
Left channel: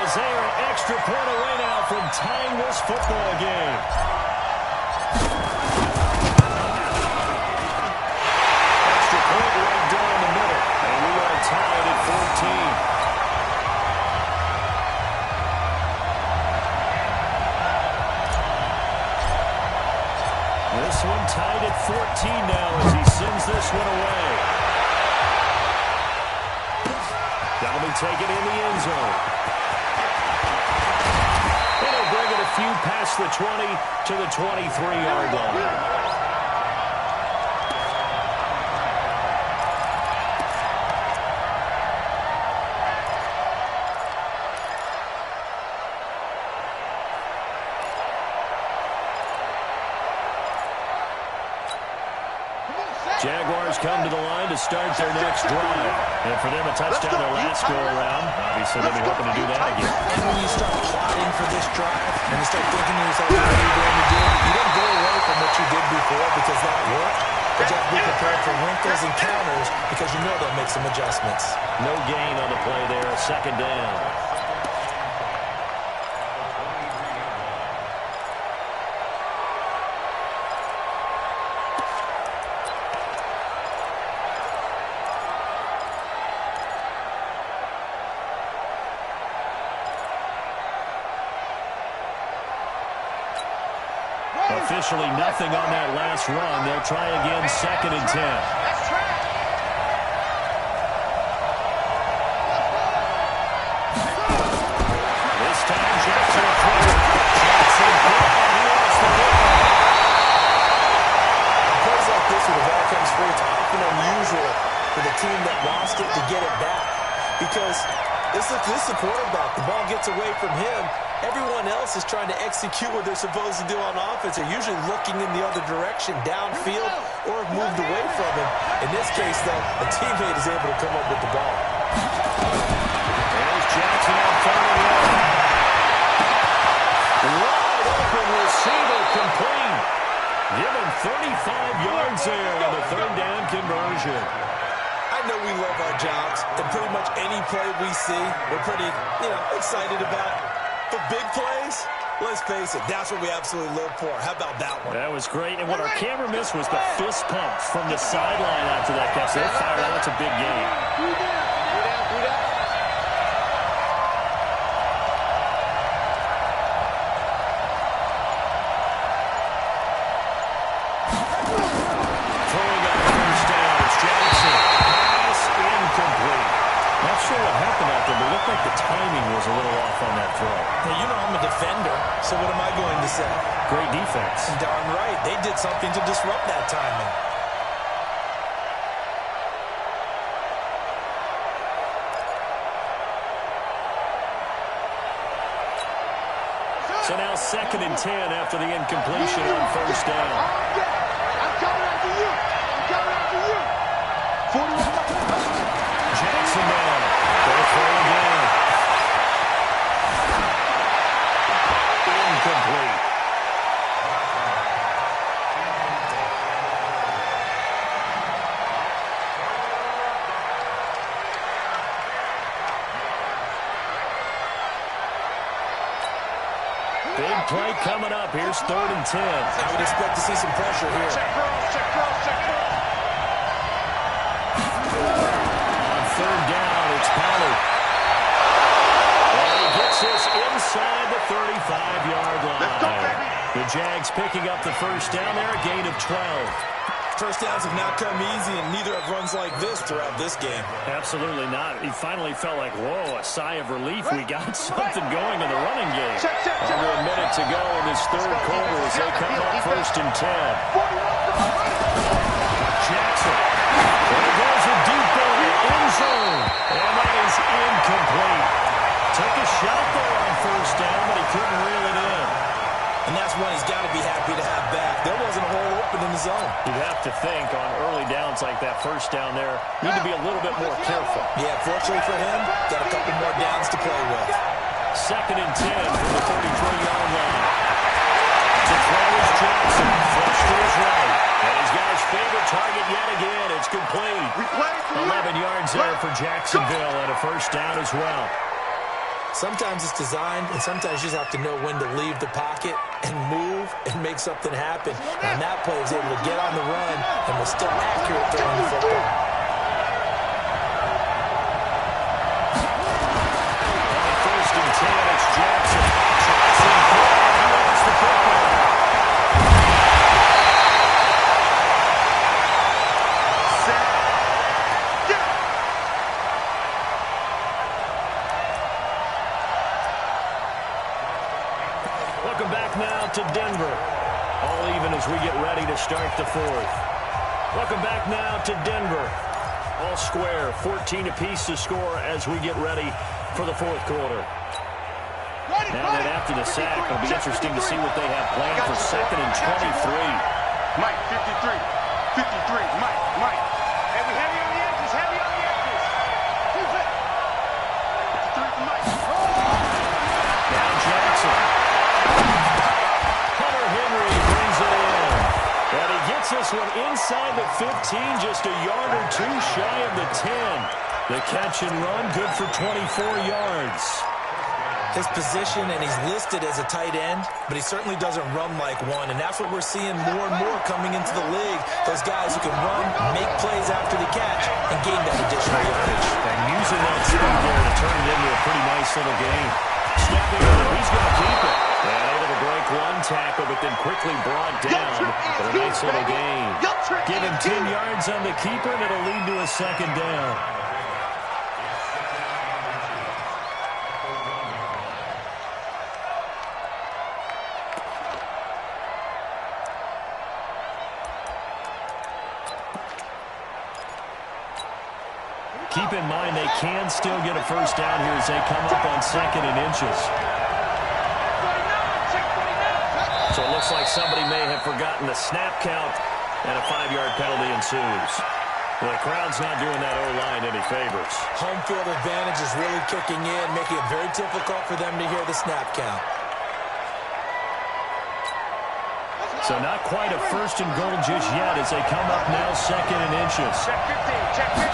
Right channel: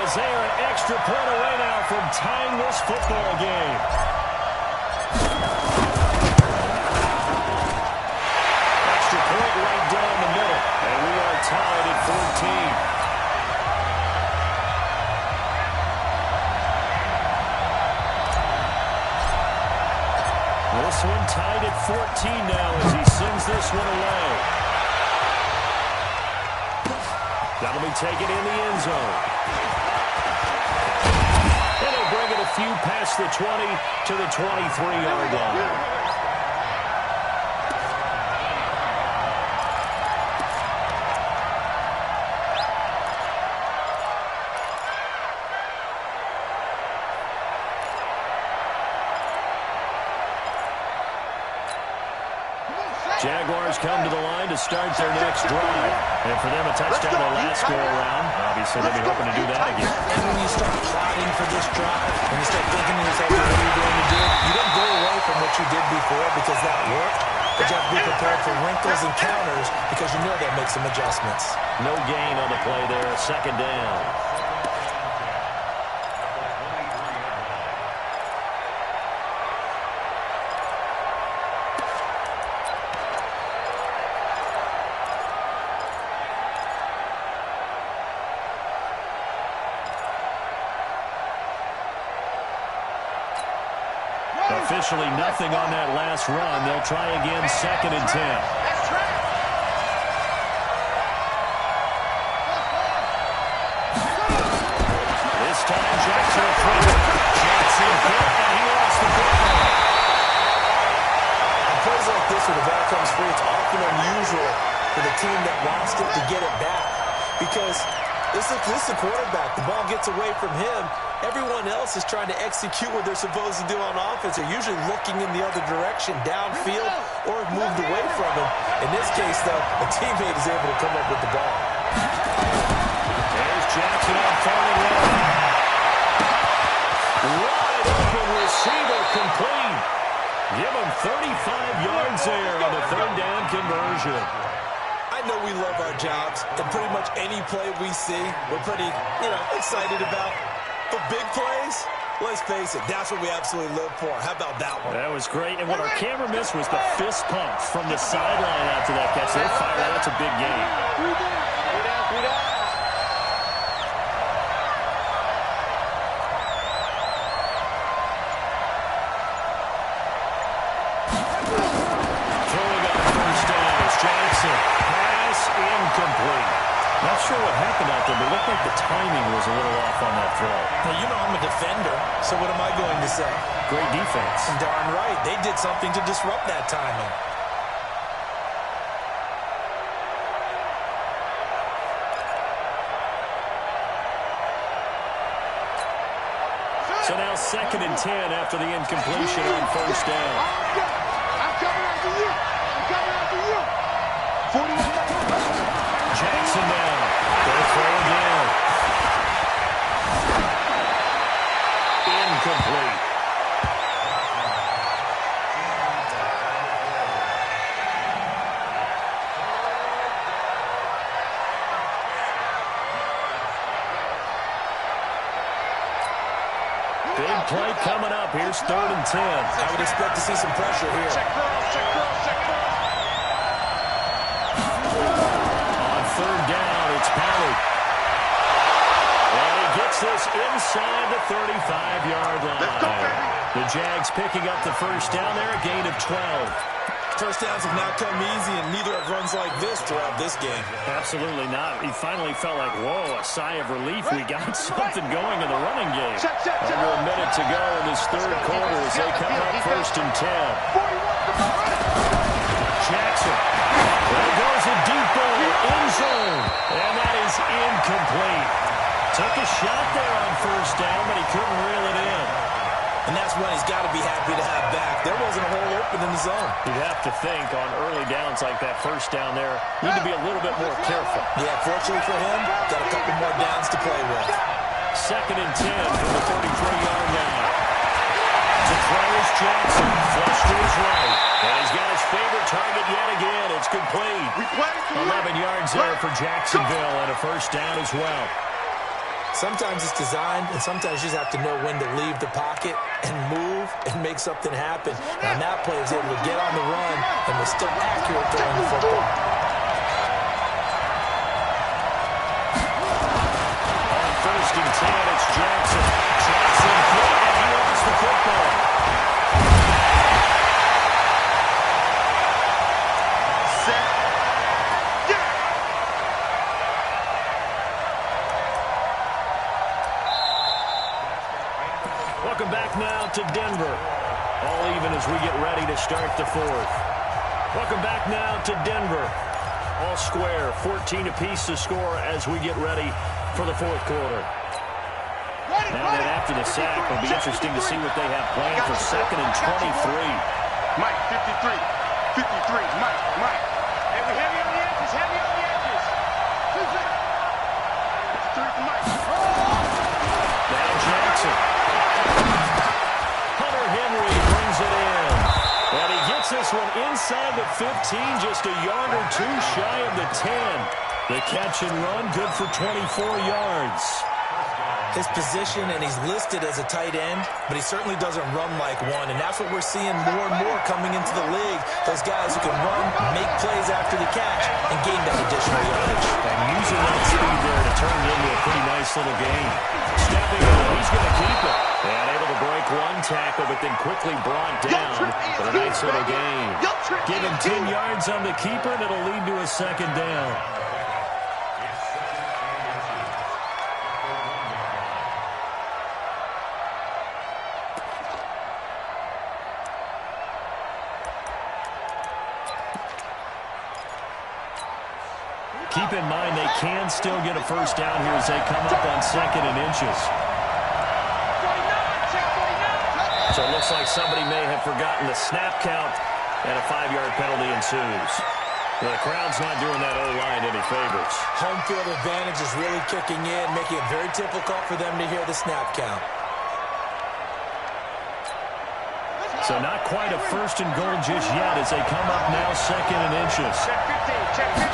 as they are an extra point away now from tying this football game. Point right down the middle, and we are tied at 14. This one tied at 14 now as he sends this one away. That'll be taken in the end zone. And he'll bring it a few past the 20 to the 23-yard line. Jaguars come to the line to start their next drive. And for them, a touchdown their last go-around. Obviously, they'll be hoping to do that again. And when you start plotting for this drive, and you start thinking to yourself, what are you going to do? You don't go away from what you did before because that worked. But you have to be prepared for wrinkles and counters because you know they'll make some adjustments. No gain on the play there. 2nd down. Officially nothing on that last run. They'll try again 2nd and 10. This time Jackson will throw it. Jackson hit, and he lost the ball. On plays like this where the ball comes free, it's often unusual for the team that lost it to get it back. because this is the quarterback. The ball gets away from him. Everyone else is trying to execute what they're supposed to do on offense. They're usually looking in the other direction, downfield, or have moved away from him. In this case, though, a teammate is able to come up with the ball. There's Jackson on third and long. Wide open receiver complete. Give him 35 yards there on the third down conversion. I know we love our jobs, and pretty much any play we see, we're pretty, excited about. But big plays, let's face it, that's what we absolutely live for. How about that one? That was great. And what our camera missed was the fist pump from the sideline after that catch. They're fired out. That's a big game. 3 down. 3 down. Throwing on first down. It's Jackson. Pass incomplete. Not sure what happened out there, but it looked like the timing was a little off on that throw. Now, I'm a defender, so what am I going to say? Great defense. Darn right. They did something to disrupt that timing. So now 2nd and 10 after the incompletion on first down. I'm coming after you. I'm coming after you. 41. Jackson down. They'll throw again. Incomplete. Big play coming up. Here's 3rd and 10. I would expect to see some pressure here. Check girls, check girls, check girls. On 3rd down, it's Pollard. And he gets this inside the 35-yard line. Let's go, baby. The Jags picking up the first down there, a gain of 12. First downs have not come easy, and neither have runs like this throughout this game. Absolutely not. He finally felt like, whoa, a sigh of relief. We got something going in the running game. Under a minute to go in this third quarter as they come up 1st and 10. Jackson. There goes a deep ball, end zone. And that is incomplete. Took a shot there on first down, but he couldn't reel it in. And that's one he's got to be happy to have back. There wasn't a hole open in the zone. You'd have to think on early downs like that first down there, need to be a little bit more careful. Yeah, fortunately for him, got a couple more downs to play with. 2nd and 10 from the 33-yard line. To throw is Jackson, flush to his right. And he's got his favorite target yet again. It's complete. 11 yards there for Jacksonville and a first down as well. Sometimes it's designed, and sometimes you just have to know when to leave the pocket and move and make something happen. And that play was able to get on the run and was still accurate throwing the football. On 1st and 10, it's Jackson. Jackson, and he lost the football. Welcome back now to Denver. All even as we get ready to start the 4th. Welcome back now to Denver. All square, 14 apiece to score as we get ready for the 4th quarter. Now then, after the sack, it'll be interesting to see what they have planned for 2nd and 23. Mike, 53. 53. Mike. Hey, we heavy on the edges. Heavy on the edges. 53 to Mike. Now Jackson. Hunter Henry brings it in. And he gets this one inside the 15, just a yard or two shy of the 10. The catch and run, good for 24 yards. His position, and he's listed as a tight end, but he certainly doesn't run like one, and that's what we're seeing more and more coming into the league. Those guys who can run, make plays after the catch, and gain that additional yardage. And using that speed there to turn it into a pretty nice little game. Stepping up, he's going to keep it. And able to break one tackle, but then quickly brought down. But a nice little gain. Give him 10 yards on the keeper, and it'll lead to a 2nd down. Keep in mind they can still get a first down here as they come up on 2nd and inches. So it looks like somebody may have forgotten the snap count, and a 5-yard penalty ensues. The crowd's not doing that O-line any favors. Home field advantage is really kicking in, making it very difficult for them to hear the snap count. So not quite a 1st and goal just yet as they come up now 2nd and inches. Check 15, check 15.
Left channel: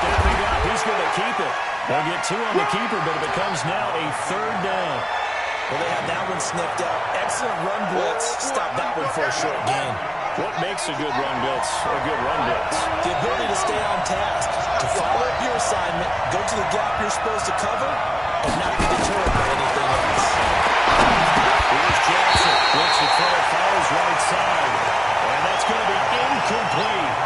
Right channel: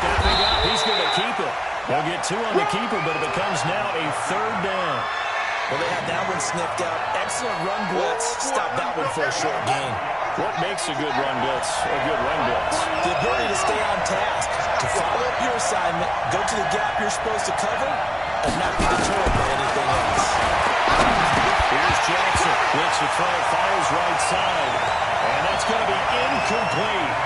Stepping up, he's going to keep it. They'll get 2 on the keeper, but it becomes now a 3rd down. Well, they had that one sniffed out. Excellent run blitz. Stop that one for a short gain. What makes a good run blitz a good run blitz? The ability to stay on task, to follow up your assignment, go to the gap you're supposed to cover, and not be deterred by anything else. Here's Jackson. Looks to throw, follows right side. And that's going to be incomplete.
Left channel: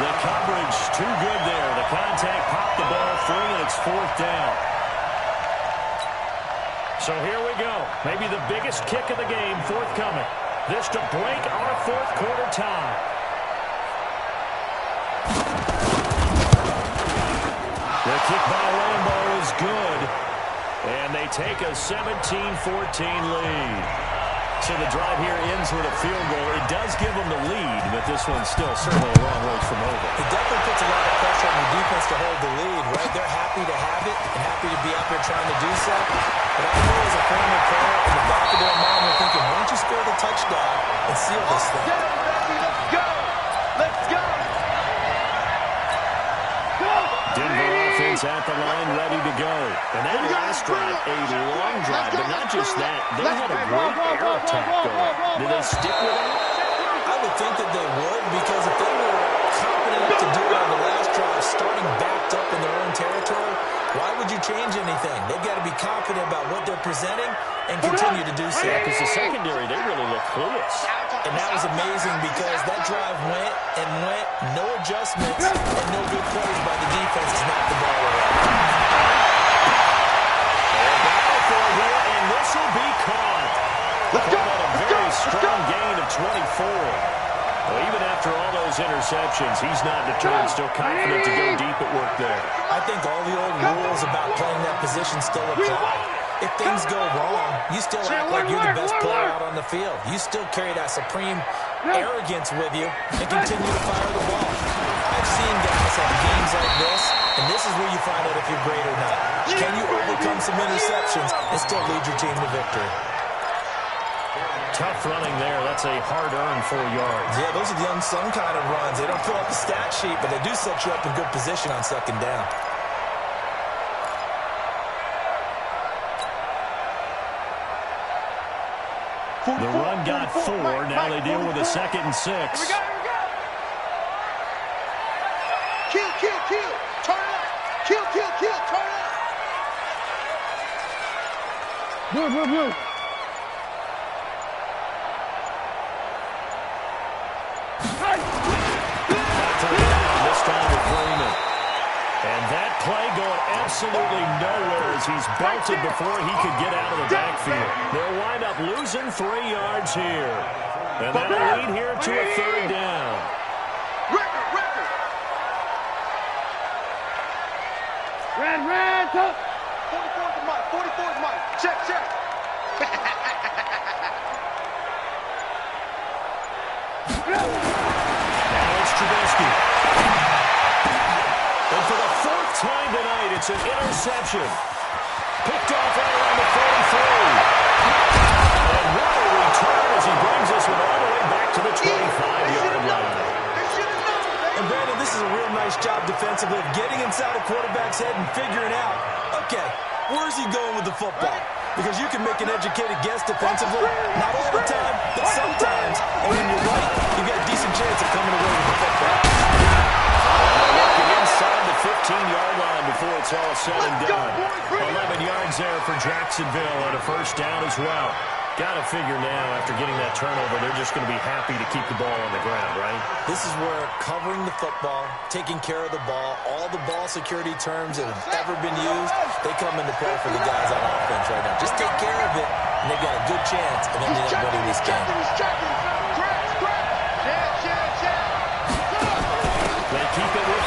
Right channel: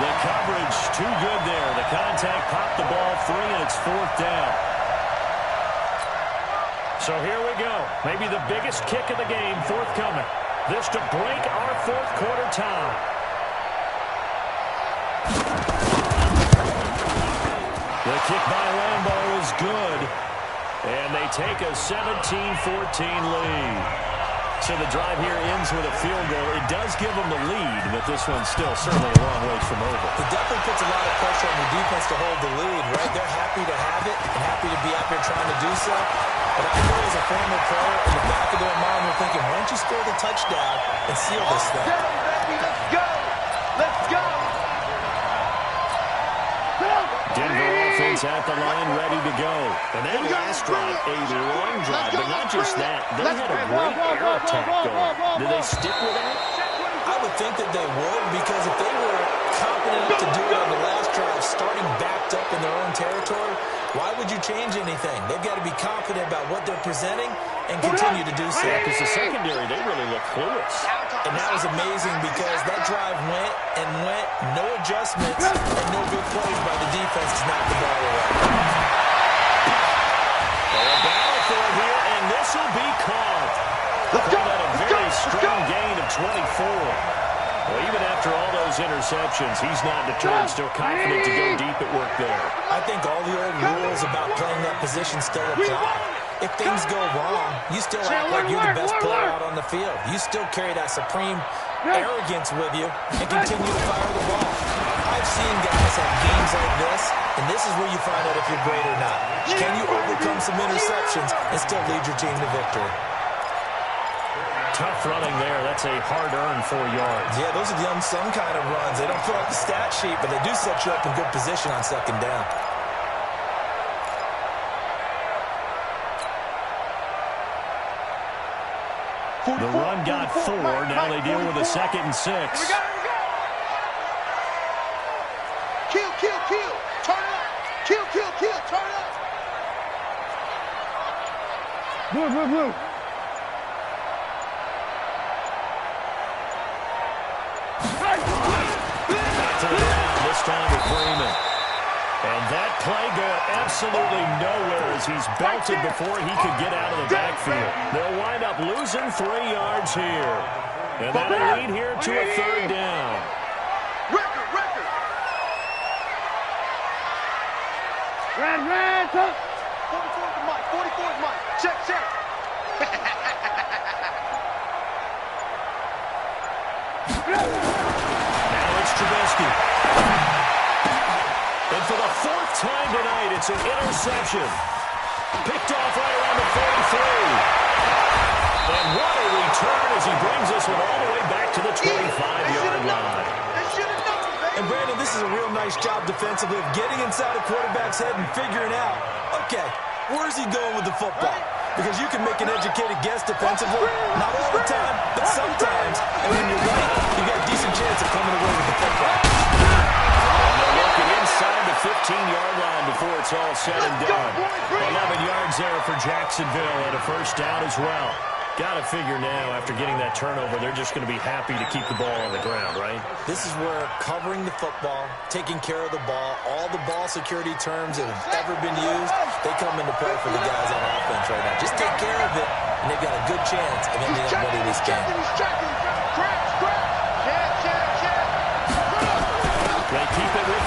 The coverage too good there. The contact popped the ball free, and it's 4th down. So here we go. Maybe the biggest kick of the game forthcoming. This to break our 4th quarter tie. The kick by Lambo is good. And they take a 17-14 lead. So the drive here ends with a field goal. It does give them the lead, but this one's still certainly a long ways from over. It definitely puts a lot of pressure on the defense to hold the lead, right? They're happy to have it and happy to be out there trying to do so. But I know as a former player, in the back of their mind, they're thinking, why don't you score the touchdown and seal this thing? Let's go! Let's go! Denver offense at the line, ready to go. And that last drive, a long drive, but not just that. They had a great air attack going. Did they stick with it? I would think that they would, because if they were confident enough to do it on the last drive, starting backed up in their own territory, why would you change anything? They've got to be confident about what they're presenting and continue to do so. Yeah, because the secondary, they really look clueless. And that was amazing because that drive went and went, no adjustments, and no good plays by the defense to knock the ball away. A battle for it here, and this will be caught. Caught at a very strong gain of 24. Well, even after all those interceptions, he's not deterred, still confident to go deep at work there. I think all the old rules about playing that position still apply. If things go wrong, you still act like you're the best player out on the field. You still carry that supreme arrogance with you and continue to fire the ball. I've seen guys have games like this, and this is where you find out if you're great or not. Can you overcome some interceptions and still lead your team to victory? Tough running there. That's a hard-earned 4 yards. Yeah, those are the unsung kind of runs. They don't fill out the stat sheet, but they do set you up in good position on 2nd down. The run got 4. Now they deal with a 2nd and 6. Here we go, here we go. Kill, kill, kill. Turn it up. Kill, kill, kill. Turn it up. Blue, blue, blue. This time with Freeman. And that play going absolutely nowhere as he's belted before he could get out of the backfield. They'll wind up losing 3 yards here. And that'll lead here to a 3rd down. Record. Red, up. 44's the mic, 44's mic. Check. Now it's Trubisky. And for the 4th time tonight, it's an interception. Picked off right around the 43. And what a return as he brings this one all the way back to the 25-yard line. And Brandon, this is a real nice job defensively of getting inside a quarterback's head and figuring out, okay, where's he going with the football? Because you can make an educated guess defensively, not all the time, but sometimes. And when you're right, you got a decent chance of coming away with the football. And they're working inside the 15-yard line before it's all said and done. 11 yards there for Jacksonville and a 1st down as well. Got to figure now, after getting that turnover, they're just going to be happy to keep the ball on the ground, right? This is where covering the football, taking care of the ball, all the ball security terms that have ever been used, they come into play for the guys on offense right now. Just take care of it, and they've got a good chance of ending up winning this game. Crash. Check. They keep it with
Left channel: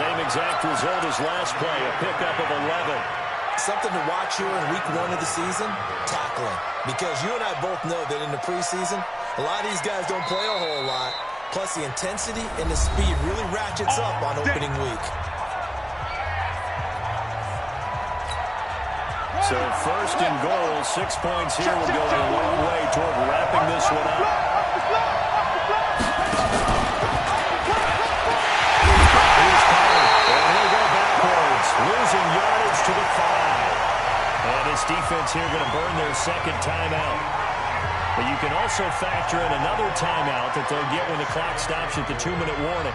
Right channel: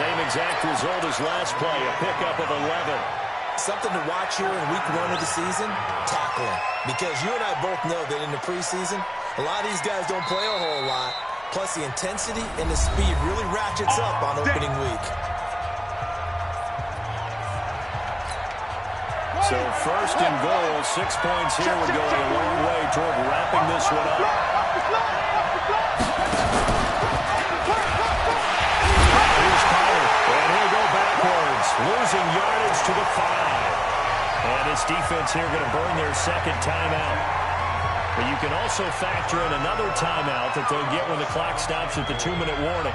Same exact result as last play, a pickup of 11. Something to watch here in week 1 of the season, tackling. Because you and I both know that in the preseason, a lot of these guys don't play a whole lot. Plus, the intensity and the speed really ratchets up on opening week. So first and goal, 6 points here would go a long way toward wrapping this one up. Here's Pollard, and he'll go backwards, losing yardage to the 5. And his defense here going to burn their second timeout. But you can also factor in another timeout that they'll get when the clock stops at the 2-minute warning.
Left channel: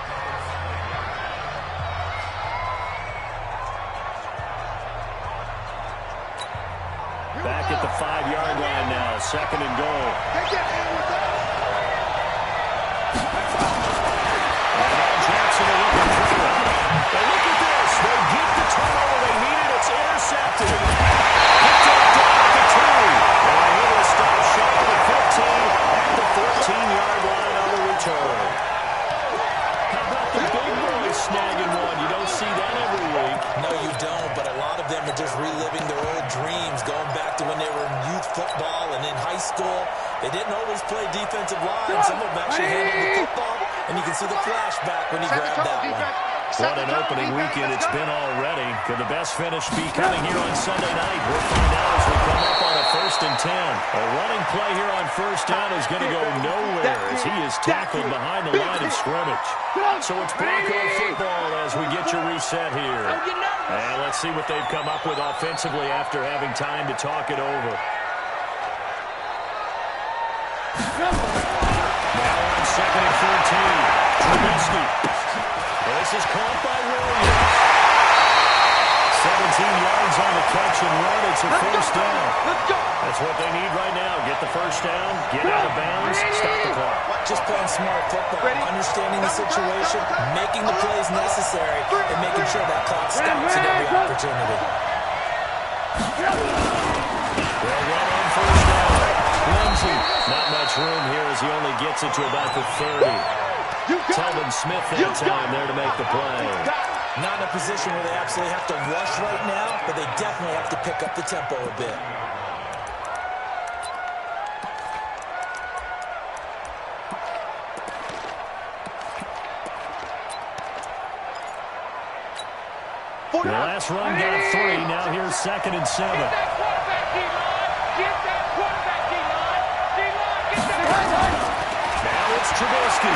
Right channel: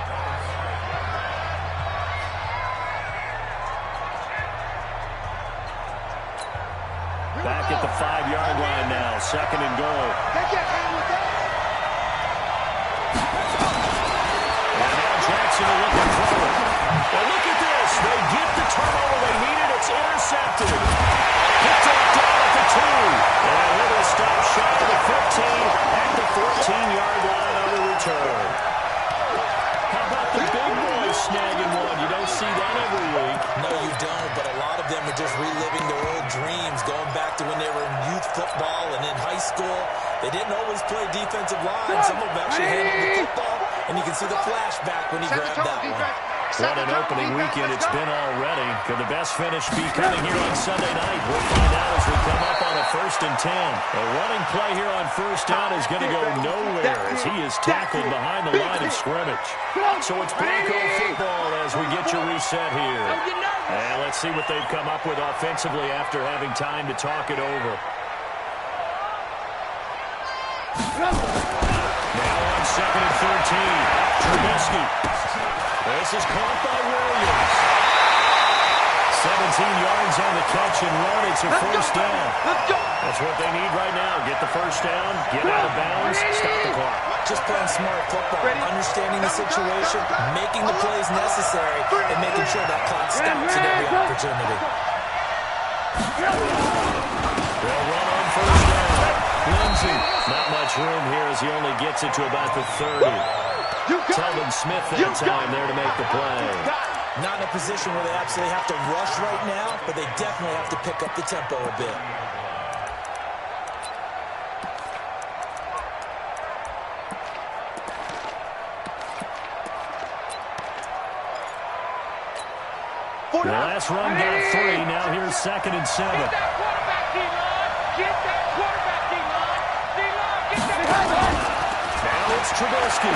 Back at the 5-yard line now, second and goal. They can't hang with us. And now Jackson will look at throw it. But look at this. They get the turnover they needed. It's intercepted. Picked up down at the 2. And he will stop shy of the 15 at the 14-yard line on the return. How about the big boys snagging one? You don't see that every week. No, you don't, but a lot of them are just reliving their old dreams, going back to when they were in youth football and in high school. They didn't always play defensive line. Some of them actually handled the football, and you can see the flashback when he grabbed that one. What an opening weekend it's been already. Could the best finish be coming here on Sunday night? We'll find out as we come up on a 1st and 10. A running play here on first down is going to go nowhere as he is tackled behind the line of scrimmage. So it's Bronco football as we get your reset here. And let's see what they've come up with offensively after having time to talk it over. Now on 2nd and 13, Trubisky. This is caught by Williams. 17 yards on the catch and run. It's a first down. That's what they need right now. Get the first down, get out of bounds, stop the clock. Just playing smart football, understanding the situation, making the plays necessary, and making sure that clock stops at every opportunity. They'll run on first down. Lindsey, not much room here as he only gets it to about the 30. Telvin Smith that time there to make the play. Not in a position where they absolutely have to rush right now, but they definitely have to pick up the tempo a bit. The last run got 3. Now here's 2nd and 7. Get that quarterback, D-line. Get that quarterback, D-line. D-line, get that quarterback. Now it's Trubisky.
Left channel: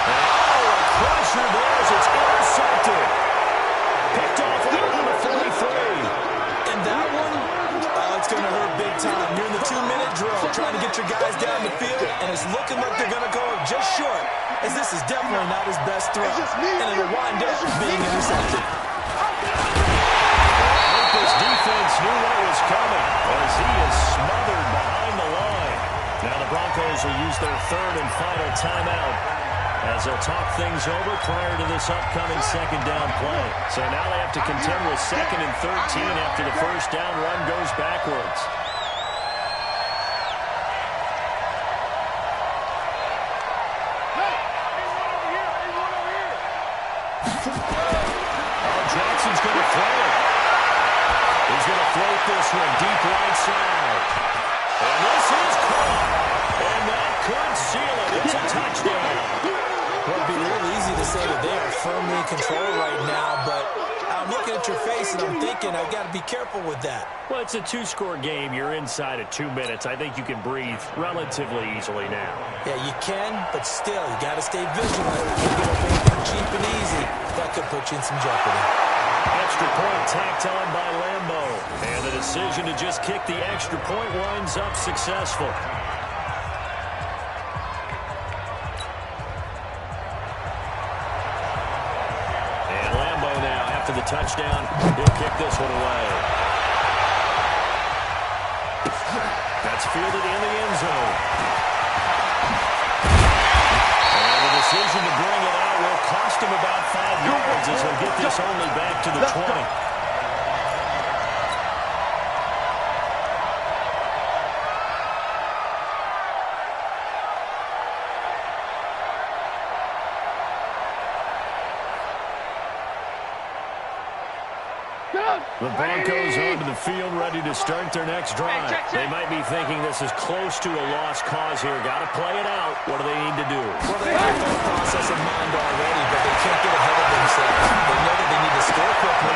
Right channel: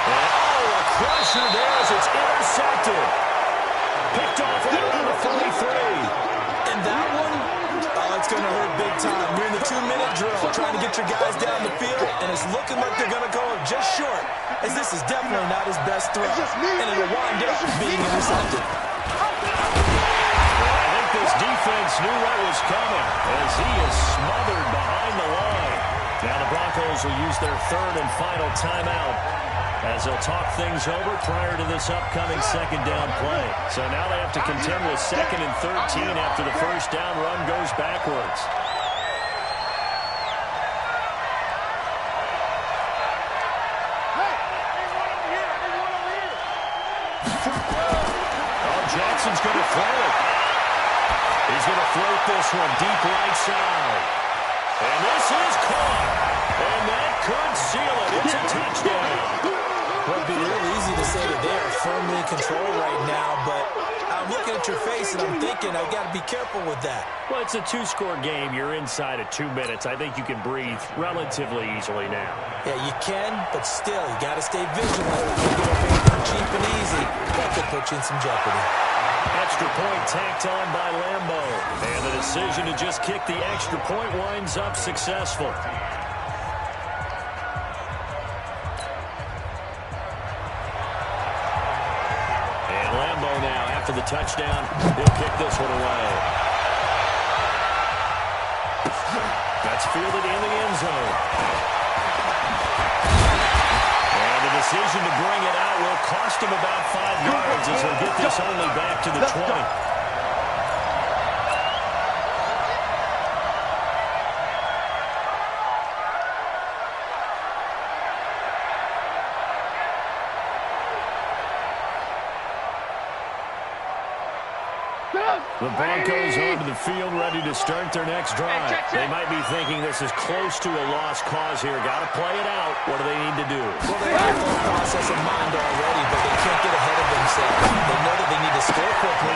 And a crusher there as it's intercepted. Picked off right around the 43. And that one, it's going to hurt big time. You're in the 2-minute drill trying to get your guys down the field, and it's looking like they're going to go up just short, as this is definitely not his best throw, and it'll wind up being intercepted. I think this defense knew what was coming as he is smothered behind the line. Now the Broncos will use their 3rd and final timeout as they'll talk things over prior to this upcoming 2nd down play. So now they have to contend with 2nd and 13 after the first down run goes backwards. Jackson's going to throw it. He's going to float this one deep right side. And this is caught. And that could seal it. It's a touchdown. Well, it'd be real easy to say that they are firmly in control right now, but I'm looking at your face and I'm thinking I've got to be careful with that. Well, it's a 2-score game. You're inside of 2 minutes. I think you can breathe relatively easily now. Yeah, you can, but still, you got to stay vigilant. You can't get up anything cheap and easy. That could put you in some jeopardy. Extra point tacked on by Lambeau. And the decision to just kick the extra point winds up successful. And Lambeau now, after the touchdown, he'll kick this one away. That's fielded in the end zone. And the decision to bring it out will cost him about 5 yards as he'll get this only back to the 20. The Broncos onto the field, ready to start their next drive. They might be thinking this is close to a lost cause here. Got to play it out. What do they need to do? Well, they have the full process in mind already, but they can't get ahead of themselves. They know that they need to score quickly,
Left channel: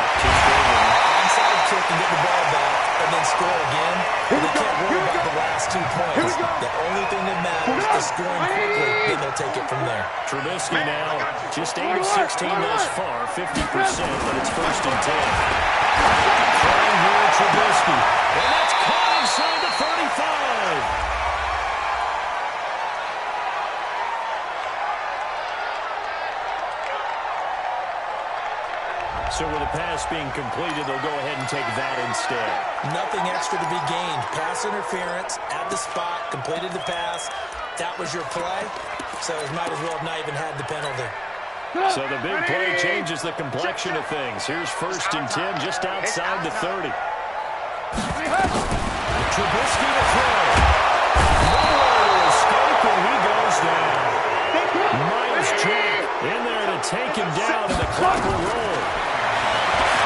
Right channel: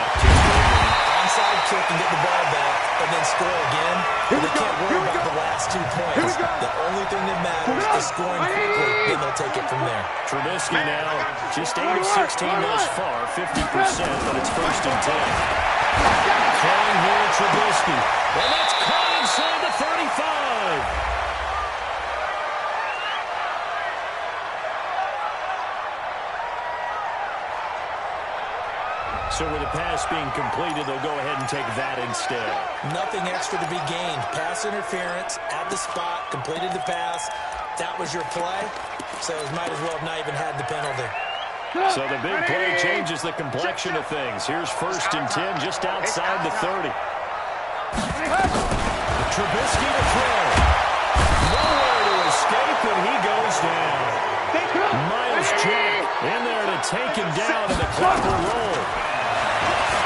onside kick and get the ball back, and then score again. But they can't worry about the last 2 points. The only thing that matters is scoring quickly, then they'll take it from there. Trubisky now, just 8 of 16 thus far, 50%, but it's 1st and 10. Throwing here, Trubisky. And that's caught inside the 35. So with the pass being completed, they'll go ahead and take that instead. Nothing extra to be gained. Pass interference at the spot, completed the pass. That was your play, so it might as well have not even had the penalty. So the big play changes the complexion of things. Here's 1st and 10 just outside the 30. Trubisky to throw. Nowhere to escape, and he goes down. Miles Jack in there to take him down, and the clock will roll.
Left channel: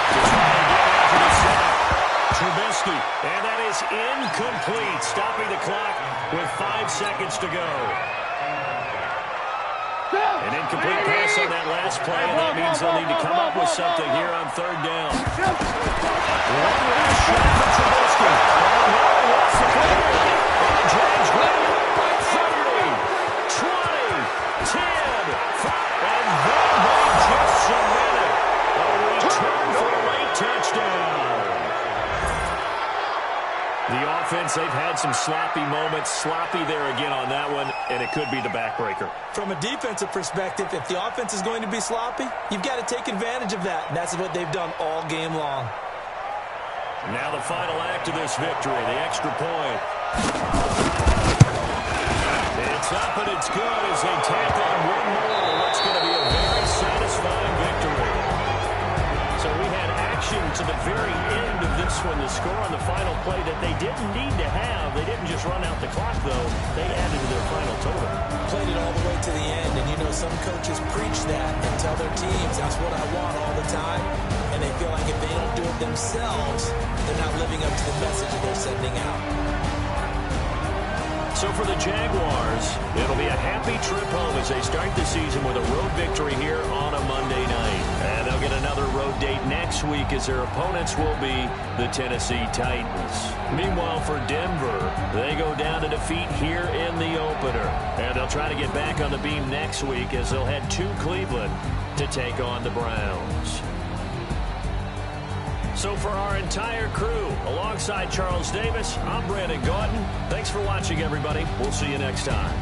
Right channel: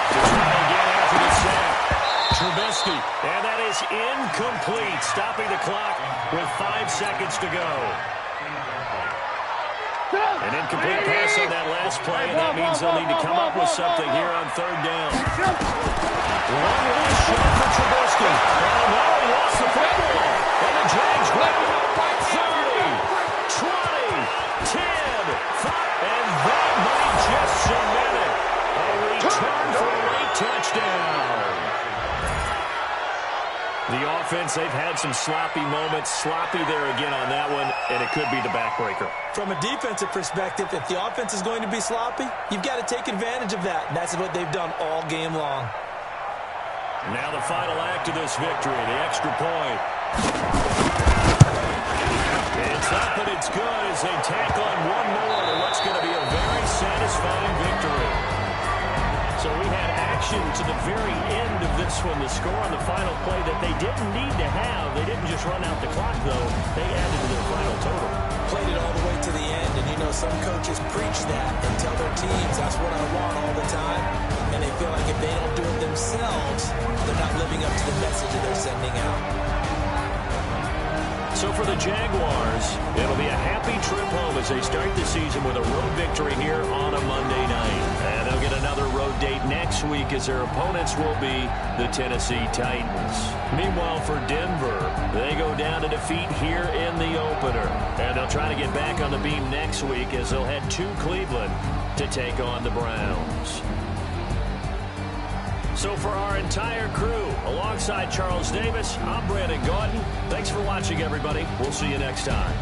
To try again after the sack. Trubisky, and that is incomplete, stopping the clock with 5 seconds to go. An incomplete pass on that last play, and that means they'll need to come up with something here on 3rd down. One last shot for Trubisky. Oh, no, he lost the football. And the Jags grab it up by 30, 20, 10, 5, and that might just cement it. A return for a late touchdown. The offense, they've had some sloppy moments. Sloppy there again on that one, and it could be the backbreaker. From a defensive perspective, if the offense is going to be sloppy, you've got to take advantage of that. And that's what they've done all game long. Now the final act of this victory, the extra point. It's up and it's good as they tack on one more to what's going to be a very satisfying victory. So we had action to the very end of this one, the score on the final play that they didn't need to have. They didn't just run out the clock, though. They added to their final total. Played it all the way to the end, and you know some coaches preach that and tell their teams, that's what I want all the time. And they feel like if they don't do it themselves, they're not living up to the message that they're sending out. So for the Jaguars, it'll be a happy trip home as they start the season with a road victory here on a Monday night. And they'll get another road date next week as their opponents will be the Tennessee Titans. Meanwhile, for Denver, they go down to defeat here in the opener. And they'll try to get back on the beam next week as they'll head to Cleveland to take on the Browns. So for our entire crew, alongside Charles Davis, I'm Brandon Gordon. Thanks for watching, everybody. We'll see you next time.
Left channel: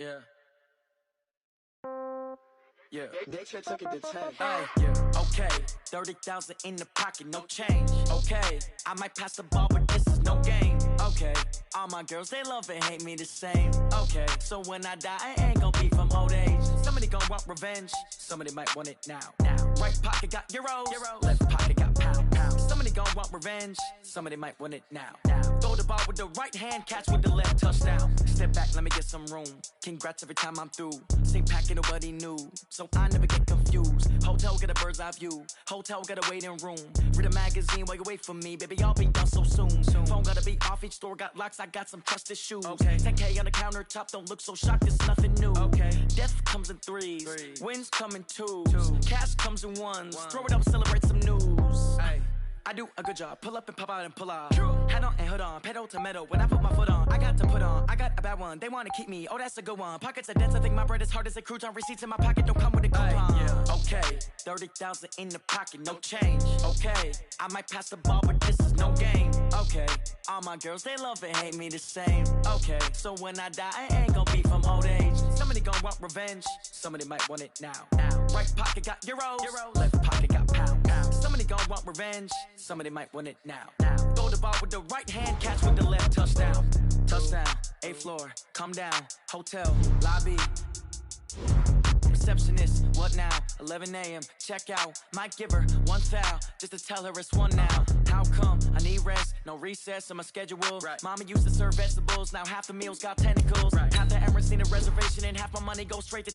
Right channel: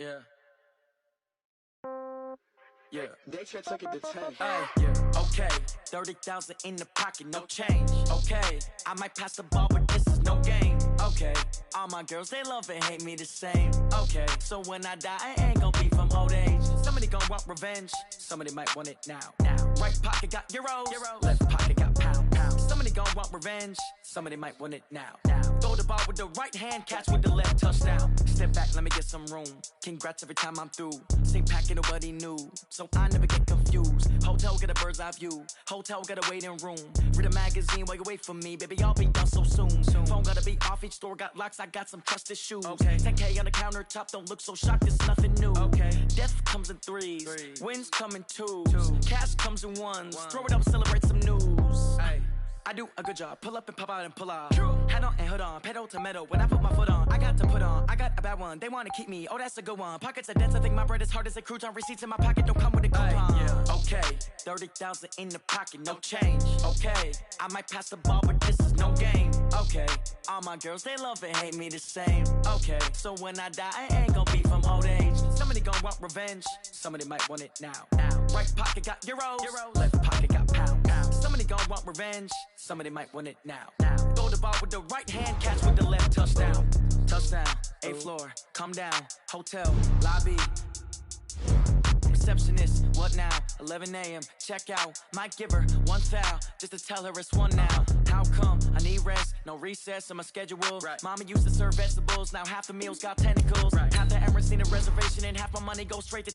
Yeah. Okay. 30,000 in the pocket, no change. Okay. I might pass the ball, but this is no game. Okay. All my girls, they love and hate me the same. Okay. So when I die, I ain't gonna be from old age. Somebody gon' want revenge. Somebody might want it now. Right pocket got euros. Left pocket got pounds. Somebody gon' want revenge. Somebody might want it now. Throw the ball with the right hand, catch with the left, touchdown. Step back, let me get some room. Congrats every time I'm through. Same packet, nobody knew. So I never get confused. Hotel got a bird's eye view. Hotel got a waiting room. Read a magazine while you wait for me. Baby, I'll be done so soon. Phone gotta be off, each store got locks. I got some trusted shoes. 10K on the countertop, don't look so shocked, it's nothing new. Death comes in threes. Wins come in twos. Cash comes in ones. Throw it up, celebrate some news. I do a good job. Pull up and pop out and pull out. Head on and hood on. Pedal to metal. When I put my foot on, I got to put on. I got a bad one. They want to keep me. Oh, that's a good one. Pockets are dense. I think my bread is hard as a crouton. Receipts in my pocket don't come with a coupon. Okay. 30,000 in the pocket. No change. Okay. I might pass the ball, but this is no game. Okay, all my girls, they love and hate me the same. Okay, so when I die, I ain't gonna be from old age. Somebody gon' want revenge, somebody might want it now. Right pocket got euros, left pocket got pounds. Somebody gon' want revenge, somebody might want it now. Throw the ball with the right hand, catch with the left, touchdown. Touchdown, 8th floor, come down, hotel, lobby. Receptionist, what now? 11 a.m. check out. Might give her one foul just to tell her it's one now. How come? I need rest, no recess on my schedule. Right. Mama used to serve vegetables, now half the meals got tentacles. Right. Half the Emirates need a reservation and half my money goes straight to